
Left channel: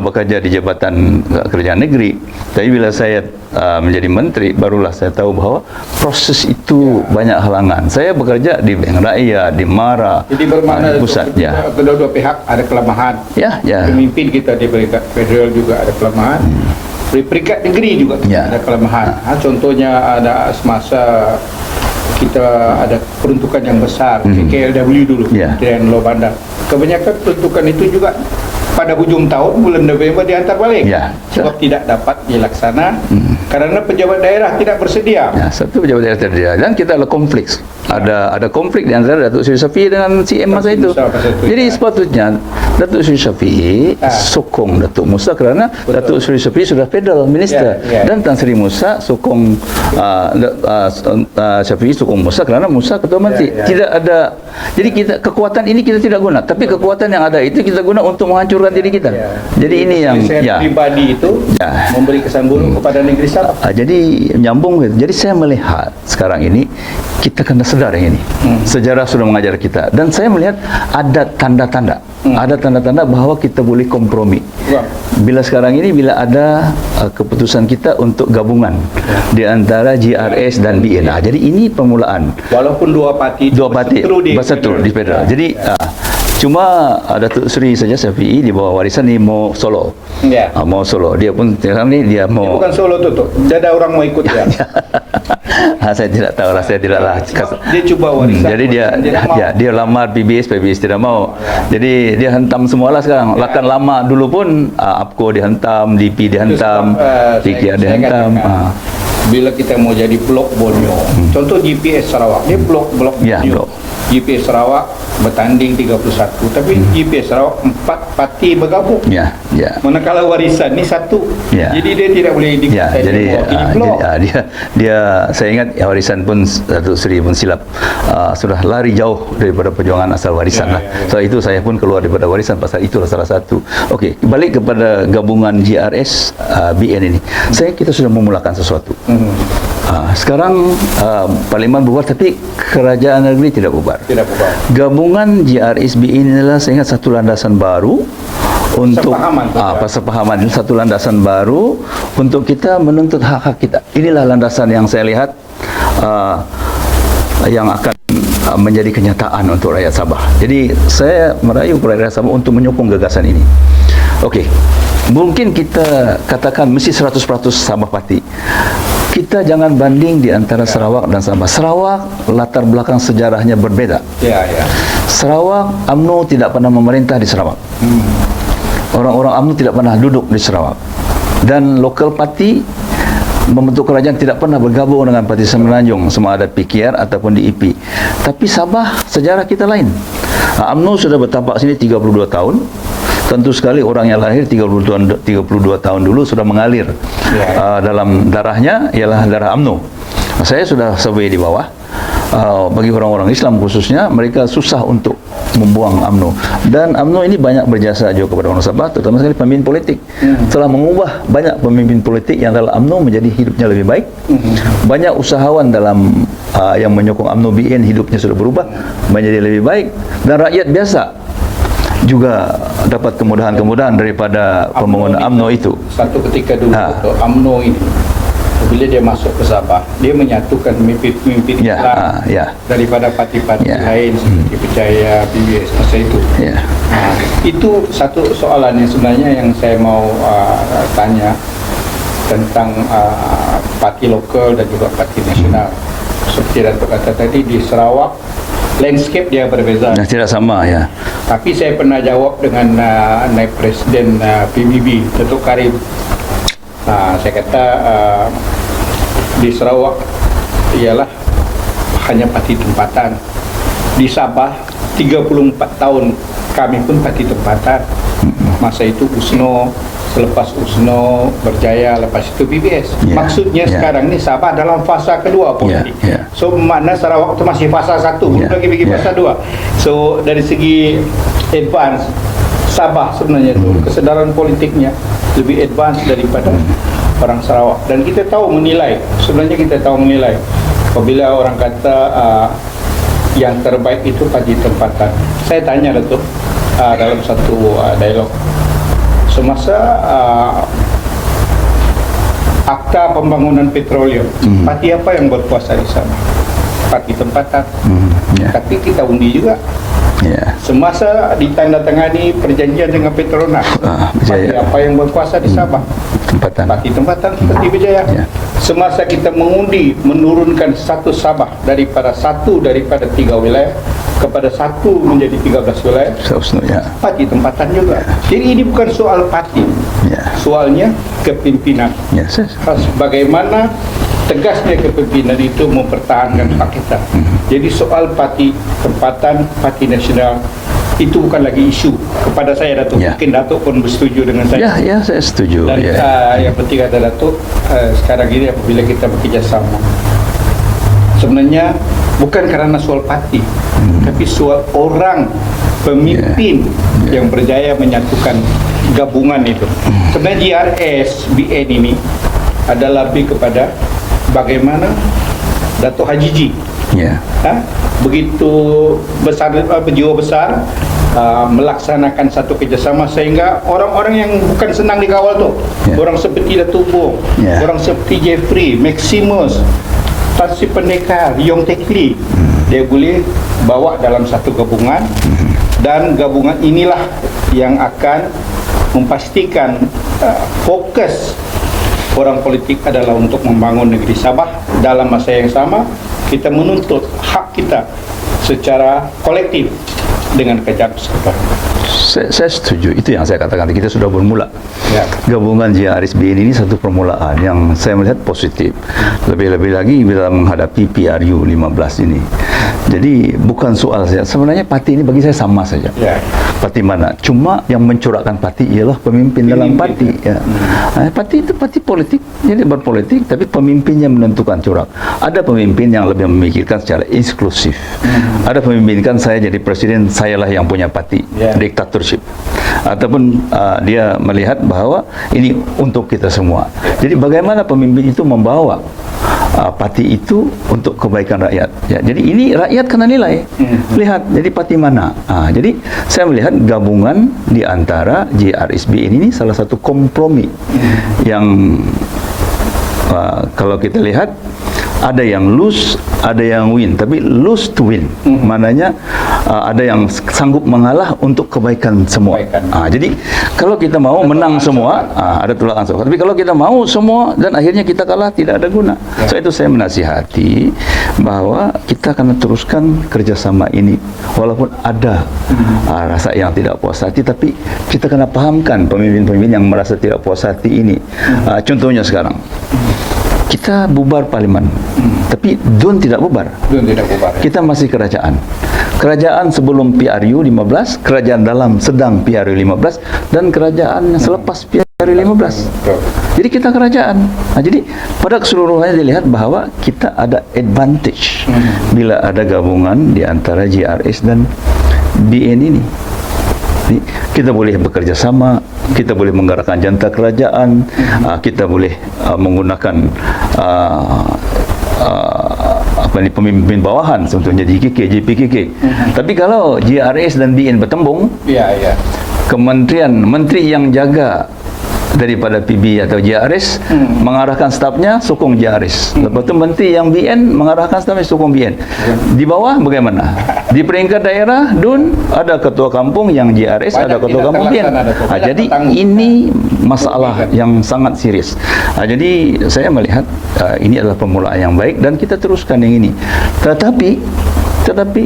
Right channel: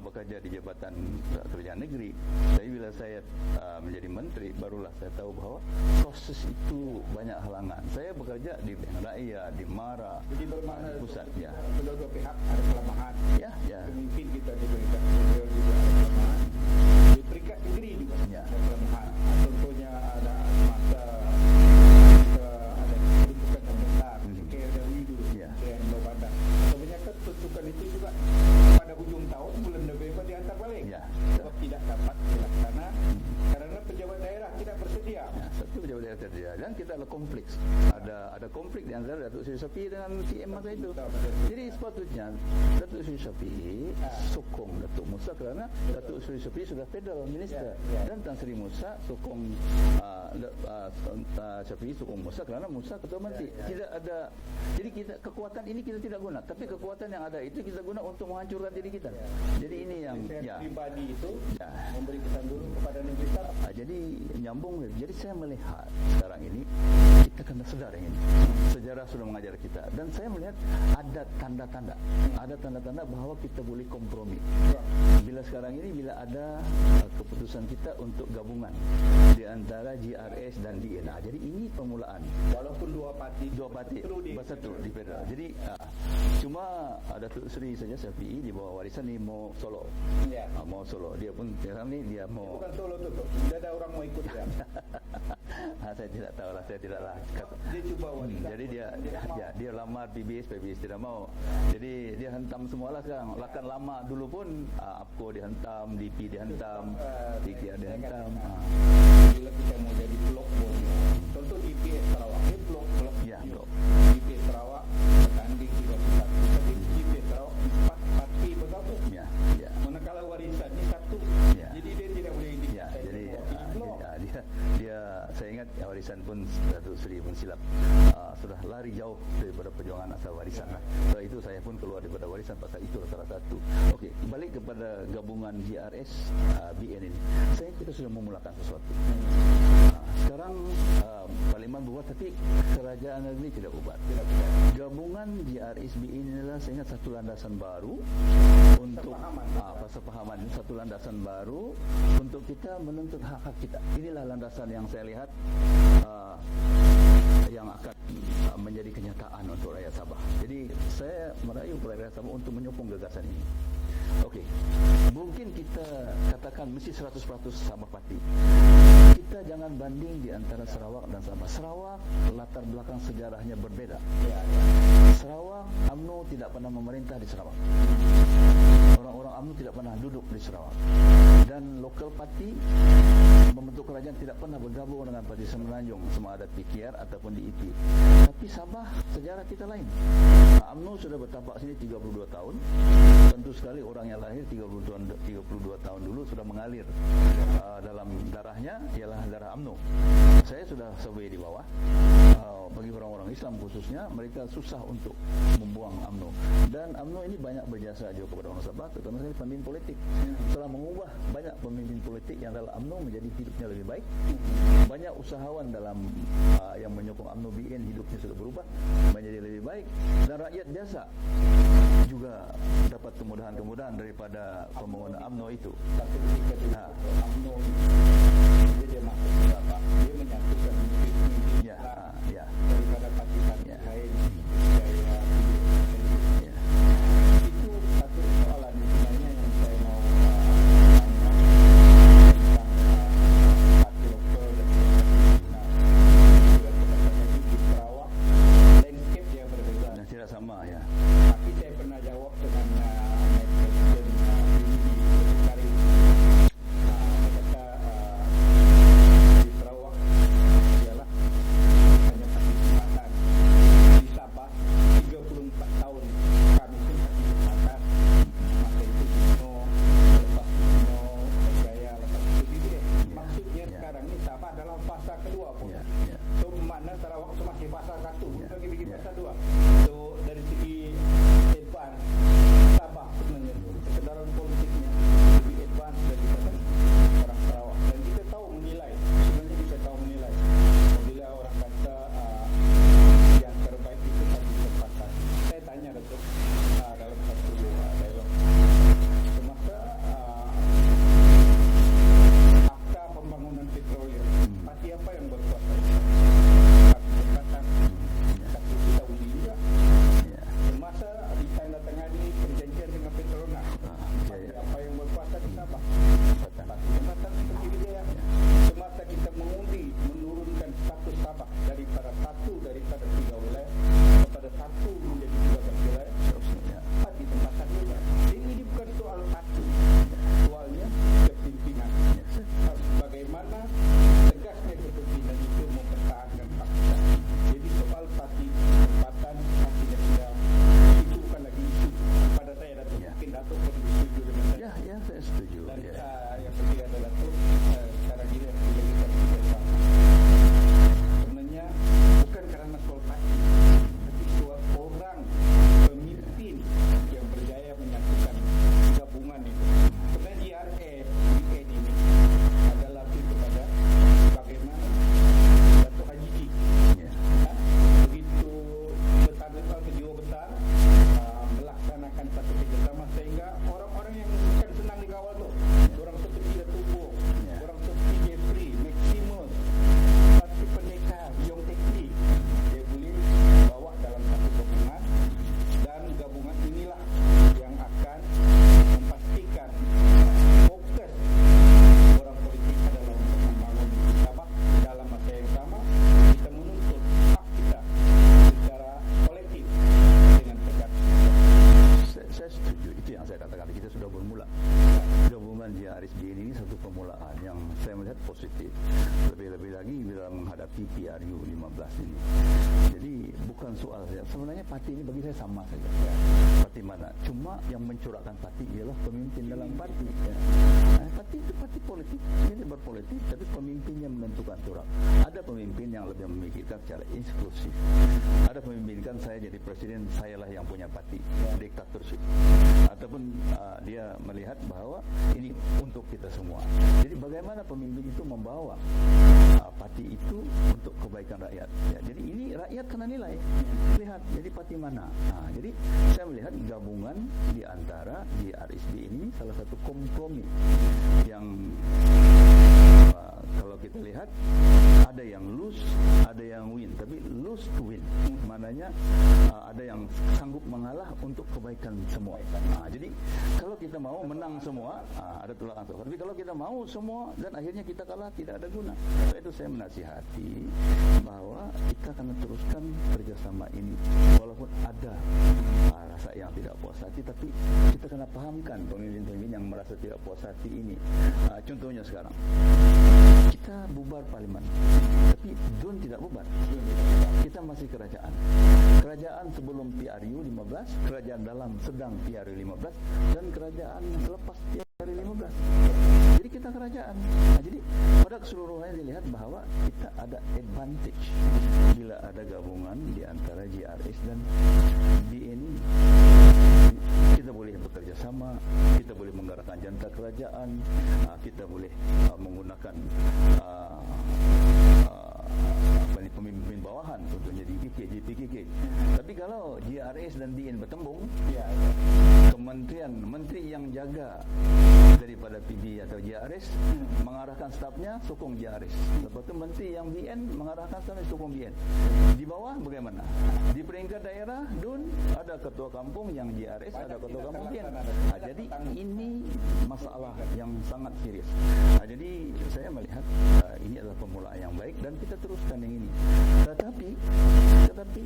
bekerja di Jabatan Kerjaan Negeri. Tapi bila saya menjadi menteri, barulah saya tahu bahwa proses itu banyak halangan. Saya bekerja di Bank Rakyat, di MARA, Jadi bermakna di pusat. kedua-dua pihak ada kelemahan. Pemimpin kita di peringkat federal juga ada kelemahan. Di peringkat negeri juga ada kelemahan. Contohnya ada semasa kita ada peruntukan yang besar, KLW dulu, Kementerian Luar Bandar. Kebanyakan peruntukan itu juga pada hujung tahun bulan November dihantar balik, sebab tidak dapat dilaksana karena pejabat daerah tidak bersedia. Satu pejabat daerah tidak bersedia, dan kita ada konflik. Ada konflik di antara Datuk Seri Syafiee dengan CM masa itu. Jadi sepatutnya Datuk Seri Syafiee sokong Datuk Musa kerana Datuk Seri Syafiee sudah federal minister, dan Tan Sri Musa sokong Syafiee sokong Musa kerana Musa ketua menteri. Tidak ada. Jadi kita kekuatan ini kita tidak guna, tapi kekuatan yang ada itu kita guna untuk menghancurkan diri kita. Jadi ini yang pribadi itu memberi kesan buruk kepada negeri Sabah. Jadi nyambung. Jadi saya melihat sekarang ini kita kena sedar yang ini. Sejarah sudah mengajar kita, dan saya melihat ada tanda-tanda. Ada tanda-tanda bahwa kita boleh kompromi. Bila sekarang ini bila ada keputusan kita untuk gabungan di antara GRS dan BN. Jadi ini permulaan. Walaupun dua parti bersatu di federal. Jadi cuma Datuk Seri saja Syafiee di bawah warisan ni mau solo. Mau solo. Dia pun sekarang ni dia mau. Dia bukan solo tu. Ada orang mau ikut dia. Saya tidak tahu lah. Saya tidaklah. Dia cuba warisan. Jadi dia lamar PBS tidak mau. Jadi dia hentam semualah sekarang. Lakan lama dulu pun APCO dihentam, DP dihentam, PKR dihentam. Bila kita mau jadi blok Borneo, contoh GPS Sarawak, dia blok Borneo. GPS Sarawak bertanding 31, tapi GPS Sarawak 4 parti bergabung. Manakala warisan ni satu. Jadi dia tidak boleh dia saya ingat warisan pun Datuk Seri pun silap sudah lari jauh daripada perjuangan asal warisan lah. So itu saya pun keluar daripada warisan pasal itulah salah satu. Okey, balik kepada gabungan GRS BN ini. Kita sudah memulakan sesuatu. Sekarang Parlimen bubar, tapi kerajaan negeri tidak bubar. Gabungan GRS BN inilah saya ingat satu landasan baru untuk persepahaman, satu landasan baru untuk kita menuntut hak-hak kita. Inilah landasan yang saya lihat yang akan menjadi kenyataan untuk rakyat Sabah. Jadi saya merayu rakyat Sabah untuk menyokong gagasan ini. Okey, mungkin kita katakan mesti 100% Sabah Parti. Kita jangan banding di antara Sarawak dan Sabah. Sarawak latar belakang sejarahnya berbeda. Sarawak, UMNO tidak pernah memerintah di Sarawak. Orang-orang UMNO tidak pernah duduk di Sarawak. Dan lokal parti membentuk kerajaan tidak pernah bergabung dengan Parti Semenanjung, sama ada PKR ataupun DEP. Tapi Sabah sejarah kita lain. UMNO sudah bertapak sini 32 tahun. Tentu sekali orang yang lahir 32 tahun dulu sudah mengalir dalam darahnya ialah darah UMNO. Saya sudah survey di bawah. Bagi orang-orang Islam khususnya, mereka susah untuk membuang UMNO. Dan UMNO ini banyak berjasa juga kepada orang Sabah, terutama sekali pemimpin politik. Telah mengubah banyak pemimpin politik yang dalam UMNO menjadi hidupnya lebih baik. Banyak usahawan dalam yang menyokong UMNO BN hidupnya sudah berubah menjadi lebih baik. Dan rakyat biasa juga dapat kemudahan-kemudahan daripada pembangunan UMNO itu. Satu ketika dulu UMNO ini, bila dia masuk ke Sabah, dia menyatukan pemimpin Islam daripada parti-parti lain seperti Percaya, PBS masa itu. Itu satu soalan yang sebenarnya yang saya mau tanya tentang parti lokal dan juga parti nasional. Seperti Datuk kata tadi, di Sarawak landscape dia berbeza. Tidak sama Tapi saya pernah jawab dengan naib Presiden PBB, Datuk Karim. Saya kata di Sarawak ialah hanya parti tempatan. Di Sabah 34 tahun kami pun parti tempatan. Masa itu USNO, selepas USNO berjaya, lepas itu BBS. Maksudnya sekarang ni Sabah dalam fasa kedua politik. So makna Sarawak itu masih fasa 1, belum lagi pergi fasa 2. So dari segi advance, Sabah sebenarnya itu kesedaran politiknya lebih advance daripada orang Sarawak. Dan kita tahu menilai, sebenarnya kita tahu menilai apabila orang kata yang terbaik itu parti tempatan. Saya tanya Datuk dalam satu dialog, semasa Akta Pembangunan Petroleum, parti apa yang berkuasa di sana? Parti tempatan. Tapi kita undi juga. Semasa ditandatangani perjanjian dengan Petronas, parti apa yang berkuasa di Sabah? Parti tempatan seperti Berjaya. Semasa kita mengundi menurunkan satu Sabah daripada 3 wilayah kepada 1 menjadi 13 wilayah, parti tempatan juga. Jadi ini bukan soal parti, soalnya kepimpinan. Bagaimana tegasnya kepimpinan itu mempertahankan hak kita. Jadi soal parti tempatan, parti nasional itu bukan lagi isu kepada saya, Datuk. Mungkin Datuk pun bersetuju dengan saya. Ya, saya setuju. Dan yang penting kata Datuk, sekarang ini apabila kita bekerjasama, sebenarnya bukan karena soal parti, tapi soal orang pemimpin yang berjaya menyatukan gabungan itu. Sebenarnya GRS BN ini adalah lebih kepada bagaimana Datuk Haji Ji begitu besar, berjiwa besar, melaksanakan satu kerjasama sehingga orang-orang yang bukan senang dikawal tu, orang seperti Datuk Bong, orang seperti Jeffrey, Maximus, Tan Sri Pendekar, Yong Tekli, dia boleh bawa dalam satu gabungan, dan gabungan inilah yang akan memastikan fokus orang politik adalah untuk membangun negeri Sabah. Dalam masa yang sama kita menuntut hak kita secara kolektif dengan kejap sekitar. Saya setuju, itu yang saya katakan, kita sudah bermula. Gabungan GRSBN ini satu permulaan yang saya melihat positif. Lebih-lebih lagi bila menghadapi PRU 15 ini. Jadi bukan soal saya, sebenarnya parti ini bagi saya sama saja. Parti mana? Cuma yang mencorakkan parti ialah pemimpin dalam parti. Parti itu parti politik, jadi berpolitik, tapi pemimpinnya menentukan corak. Ada pemimpin yang lebih memikirkan secara eksklusif. Ada pemimpin kan saya jadi presiden, sayalah yang punya parti, diktatorship. Ataupun dia melihat bahwa ini untuk kita semua. Jadi bagaimana pemimpin itu membawa parti itu untuk kebaikan rakyat. Jadi ini rakyat kena nilai. Lihat, jadi parti mana? Jadi saya melihat gabungan di antara GRSBN ini salah satu kompromi yang kalau kita lihat ada yang lose, ada yang win, tapi lose to win. Maknanya ada yang sanggup mengalah untuk kebaikan semua. Jadi kalau kita mau menang semua, ada tolak ansur. Tapi kalau kita mau semua dan akhirnya kita kalah, tidak ada guna. So itu saya menasihati bahwa kita akan teruskan kerjasama ini, walaupun ada rasa yang tidak puas hati, tapi kita kena pahamkan pemimpin-pemimpin yang merasa tidak puas hati ini. Contohnya sekarang kita bubar parlimen, tapi DUN tidak bubar. Kita masih kerajaan. Kerajaan sebelum PRU 15, kerajaan dalam sedang PRU 15, dan kerajaan selepas PRU 15. Jadi kita kerajaan. Jadi pada keseluruhannya dilihat bahwa kita ada advantage bila ada gabungan di antara GRS dan BN ini. Kita boleh bekerja sama, kita boleh menggerakkan jantar kerajaan, kita boleh menggunakan pemimpin bawahan, contohnya JKK, JPKK. Tapi kalau GRS dan BN bertembung, kementerian, menteri yang jaga daripada PB atau GRS mengarahkan stafnya sokong GRS. Lepas itu menteri yang BN mengarahkan stafnya sokong BN. Di bawah bagaimana? Di peringkat daerah DUN ada ketua kampung yang GRS, ada ketua kampung BN. Jadi ini masalah yang sangat serius. Jadi saya melihat ini adalah permulaan yang baik dan kita teruskan yang ini. Tetapi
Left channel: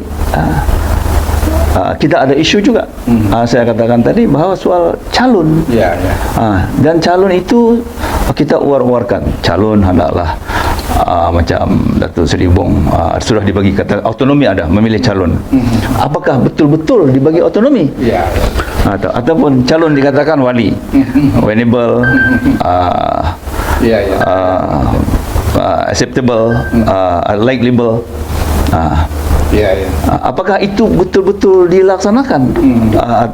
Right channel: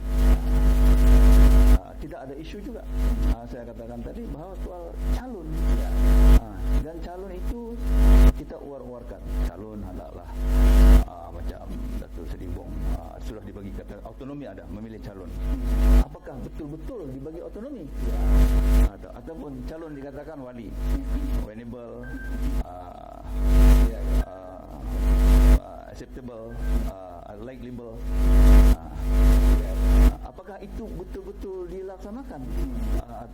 kita ada isu juga. Saya katakan tadi bahawa soal calon. Ya, ya. Dan calon itu kita uar-uarkan. Calon hendaklah macam Datuk Seri Bong sudah dibagi kata autonomi, ada memilih calon. Apakah betul-betul dibagi autonomi? Ya. Ataupun calon dikatakan wali, winnable, Ya, ya. acceptable, likable. Ya, ya. Apakah itu betul-betul dilaksanakan?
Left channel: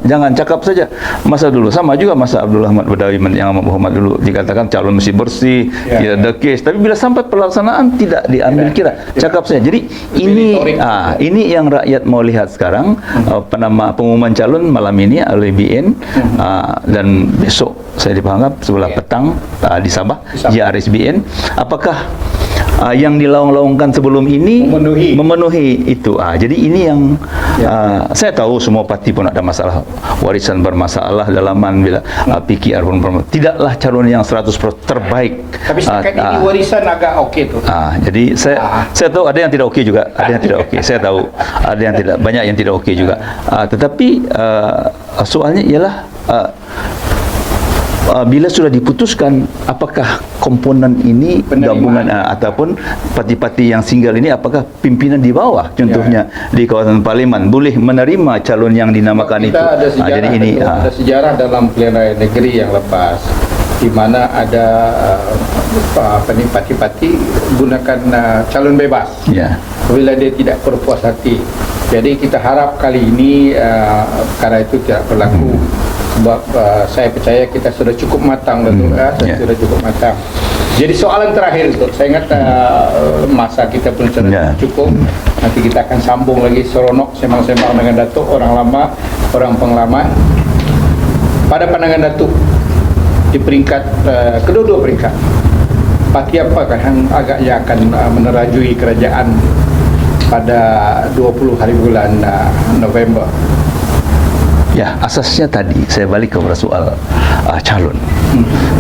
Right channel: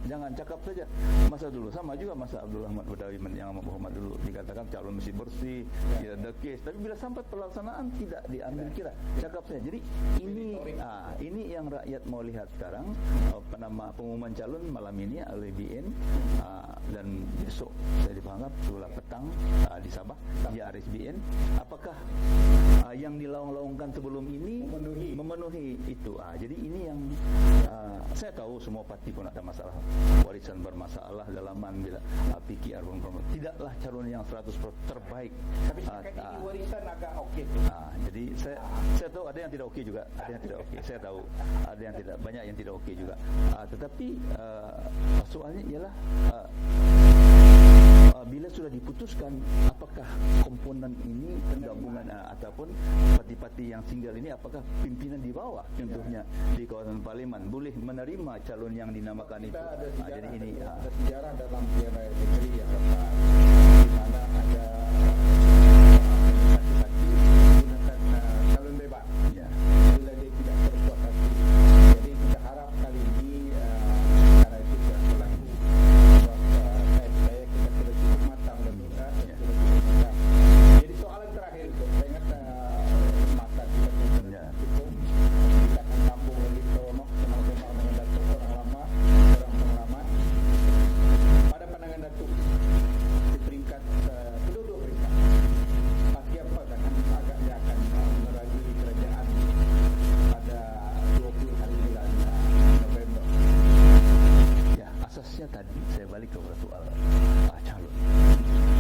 Jangan cakap saja. Masa dulu sama juga masa Abdul Ahmad Badawi yang amat Muhammad dulu dikatakan calon mesti bersih, tidak ada kes. Tapi bila sampai pelaksanaan tidak diambil kira. Cakap saja. Jadi ini yang rakyat mau lihat sekarang. Pengumuman calon malam ini oleh BN dan besok saya dipanggap sebelah petang di Sabah, JRSBN. Apakah yang dilaung-laungkan sebelum ini memenuhi itu. Jadi ini yang saya tahu semua parti pun ada masalah, warisan bermasalah, dalaman bila PKR pun bermasalah. Tidaklah calon yang 100% terbaik. Tapi setakat ini warisan agak okey tu. Jadi saya tahu ada yang tidak okey juga, ada yang tidak okey. Saya tahu ada yang tidak, banyak yang tidak okey juga. Tetapi soalnya ialah bila sudah diputuskan apakah komponen ini gabungan ataupun parti-parti yang single ini, apakah pimpinan di bawah contohnya di kawasan parlimen boleh menerima calon yang dinamakan itu. Jadi ini ada sejarah dalam pilihan raya negeri yang lepas di mana ada parti-parti gunakan calon bebas bila dia tidak berpuas hati. Jadi kita harap kali ini perkara itu tidak berlaku. Sebab saya percaya kita sudah cukup matang, sudah cukup matang. Jadi soalan terakhir itu, saya ingat masa kita pun sudah cukup. Nanti kita akan sambung lagi seronok sembang-sembang dengan Datuk, orang lama, orang pengalaman. Pada pandangan Datuk, di peringkat kedua-dua peringkat, parti apakah yang agaknya akan menerajui kerajaan pada 20 hari bulan November? Ya, asasnya tadi saya balik kepada soal calon.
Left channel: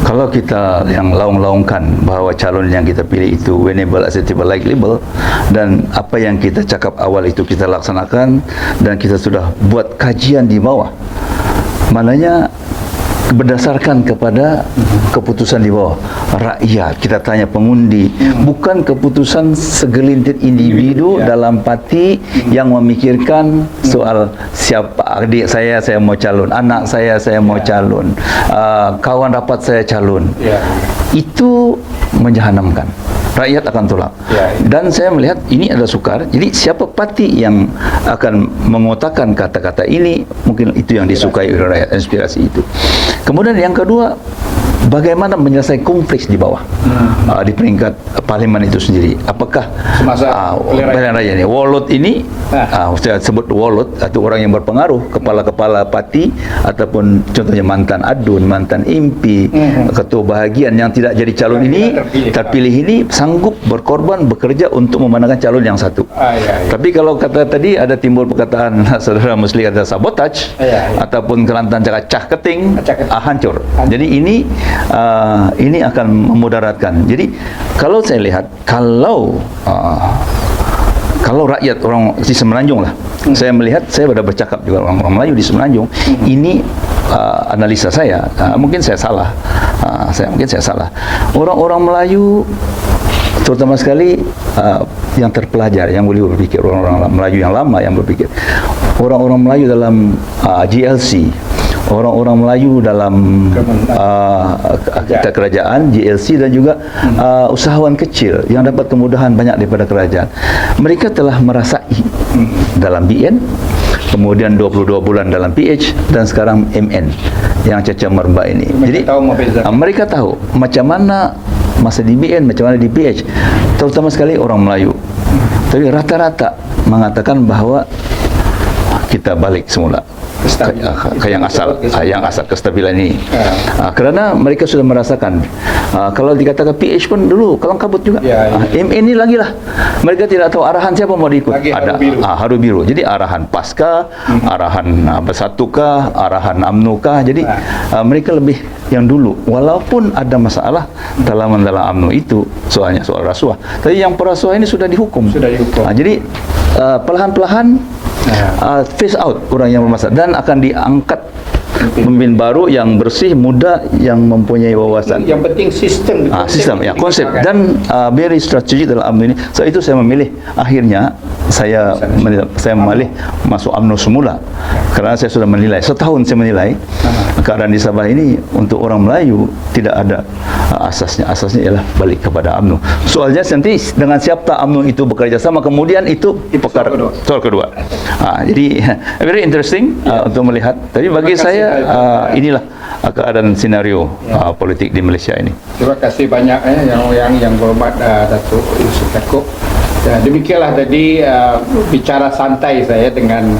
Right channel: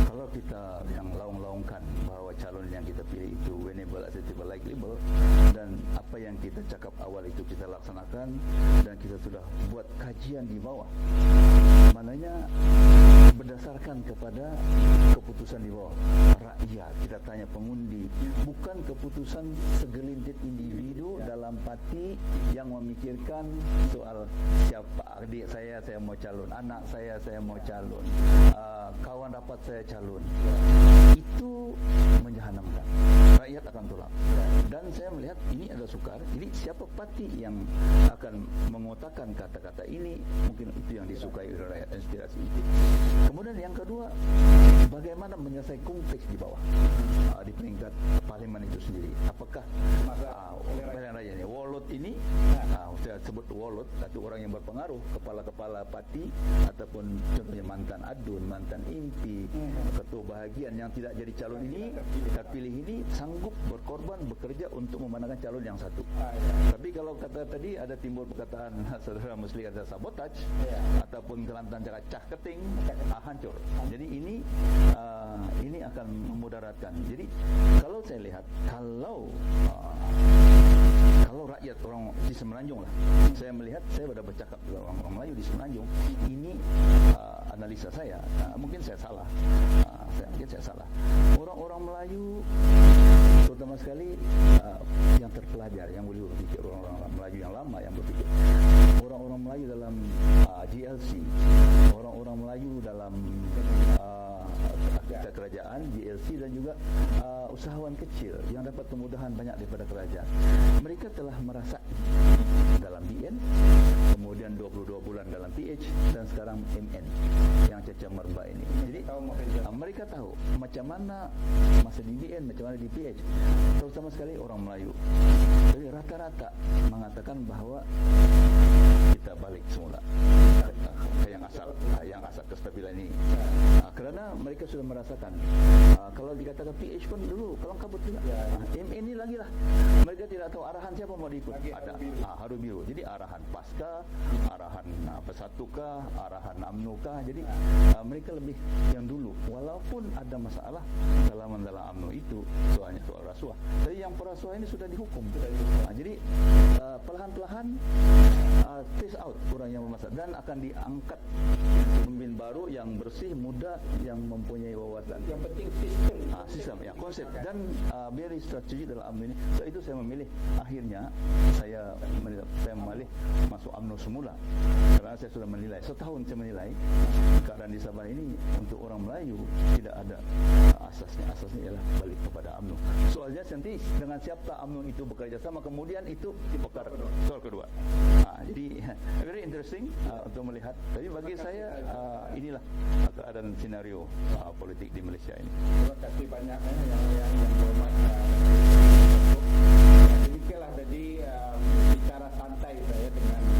Kalau kita yang laung-laungkan bahawa calon yang kita pilih itu winnable, acceptable, likable, dan apa yang kita cakap awal itu kita laksanakan dan kita sudah buat kajian di bawah, maknanya berdasarkan kepada keputusan di bawah rakyat, kita tanya pengundi, bukan keputusan segelintir individu dalam parti yang memikirkan soal siapa adik saya mau calon, anak saya mau calon, kawan rapat saya calon. Itu menjahanamkan. Rakyat akan tolak. Dan saya melihat ini adalah sukar. Jadi siapa parti yang akan mengotakkan kata-kata ini, mungkin itu yang disukai oleh rakyat, inspirasi itu. Kemudian yang kedua, bagaimana menyelesaikan konflik di bawah di peringkat parlimen itu sendiri. Apakah pilihan raya ini wallet ini, saya sebut wallet atau orang yang berpengaruh, kepala-kepala parti ataupun contohnya mantan adun, mantan MP, ketua bahagian yang tidak jadi calon ini terpilih ini sanggup berkorban bekerja untuk memenangkan calon yang satu. Tapi kalau kata tadi ada timbul perkataan saudara Musli kata sabotage ataupun Kelantan cakap cah keting, hancur. Jadi ini akan memudaratkan. Jadi kalau saya lihat, kalau rakyat orang di Semenanjung lah, saya melihat, saya sudah bercakap juga orang Melayu di Semenanjung, ini analisa saya, mungkin saya salah, orang-orang Melayu terutama sekali yang terpelajar, yang boleh berpikir, orang-orang Melayu yang lama yang berpikir, orang-orang Melayu dalam GLC, orang-orang Melayu dalam kerajaan, GLC, dan juga usahawan kecil yang dapat kemudahan banyak daripada kerajaan. Mereka telah merasai dalam BN, kemudian 22 bulan dalam PH, dan sekarang MN yang caca merbak ini. Jadi mereka tahu macam mana masa di BN, macam mana di PH, terutama sekali orang Melayu. Tapi rata-rata mengatakan bahawa kita balik semula ke yang asal kestabilan ini. Kerana mereka sudah merasakan, kalau dikatakan PH pun dulu kalang kabut juga. MN ini lagi lah, mereka tidak tahu arahan siapa mau diikut. Ada haru biru. Jadi arahan PASKA, arahan Bersatukah, arahan UMNO-kah. Jadi mereka lebih yang dulu, walaupun ada masalah dalam UMNO itu, soalnya soal rasuah. Tapi yang perasuah ini sudah dihukum. Jadi perlahan-perlahan phase out orang yang bermasalah dan akan diangkat pemimpin baru yang bersih, muda, yang mempunyai wawasan. Yang penting sistem. Sistem, ya, konsep dan very strategik dalam UMNO ini. So itu saya memilih. Akhirnya saya memilih masuk UMNO semula karena saya sudah menilai. Setahun saya menilai keadaan di Sabah ini untuk orang Melayu tidak ada asasnya. Asasnya ialah balik kepada UMNO. Soalnya nanti dengan siapa UMNO itu bekerja sama, kemudian itu perkara soal kedua. Jadi very interesting untuk melihat. Tapi bagi saya inilah keadaan senario politik di Malaysia ini. Terima kasih banyak yang berhormat Datuk Yusuf Yaakob. Demikianlah tadi bicara santai saya dengan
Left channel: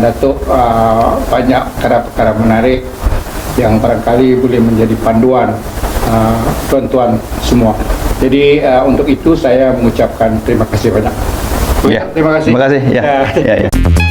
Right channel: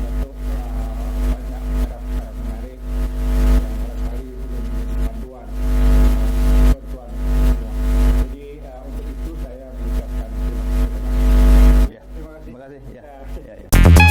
Datuk, banyak perkara-perkara menarik yang barangkali boleh menjadi panduan tuan-tuan semua. Jadi untuk itu saya mengucapkan terima kasih banyak. Ya, Terima kasih. Terima kasih. Ya.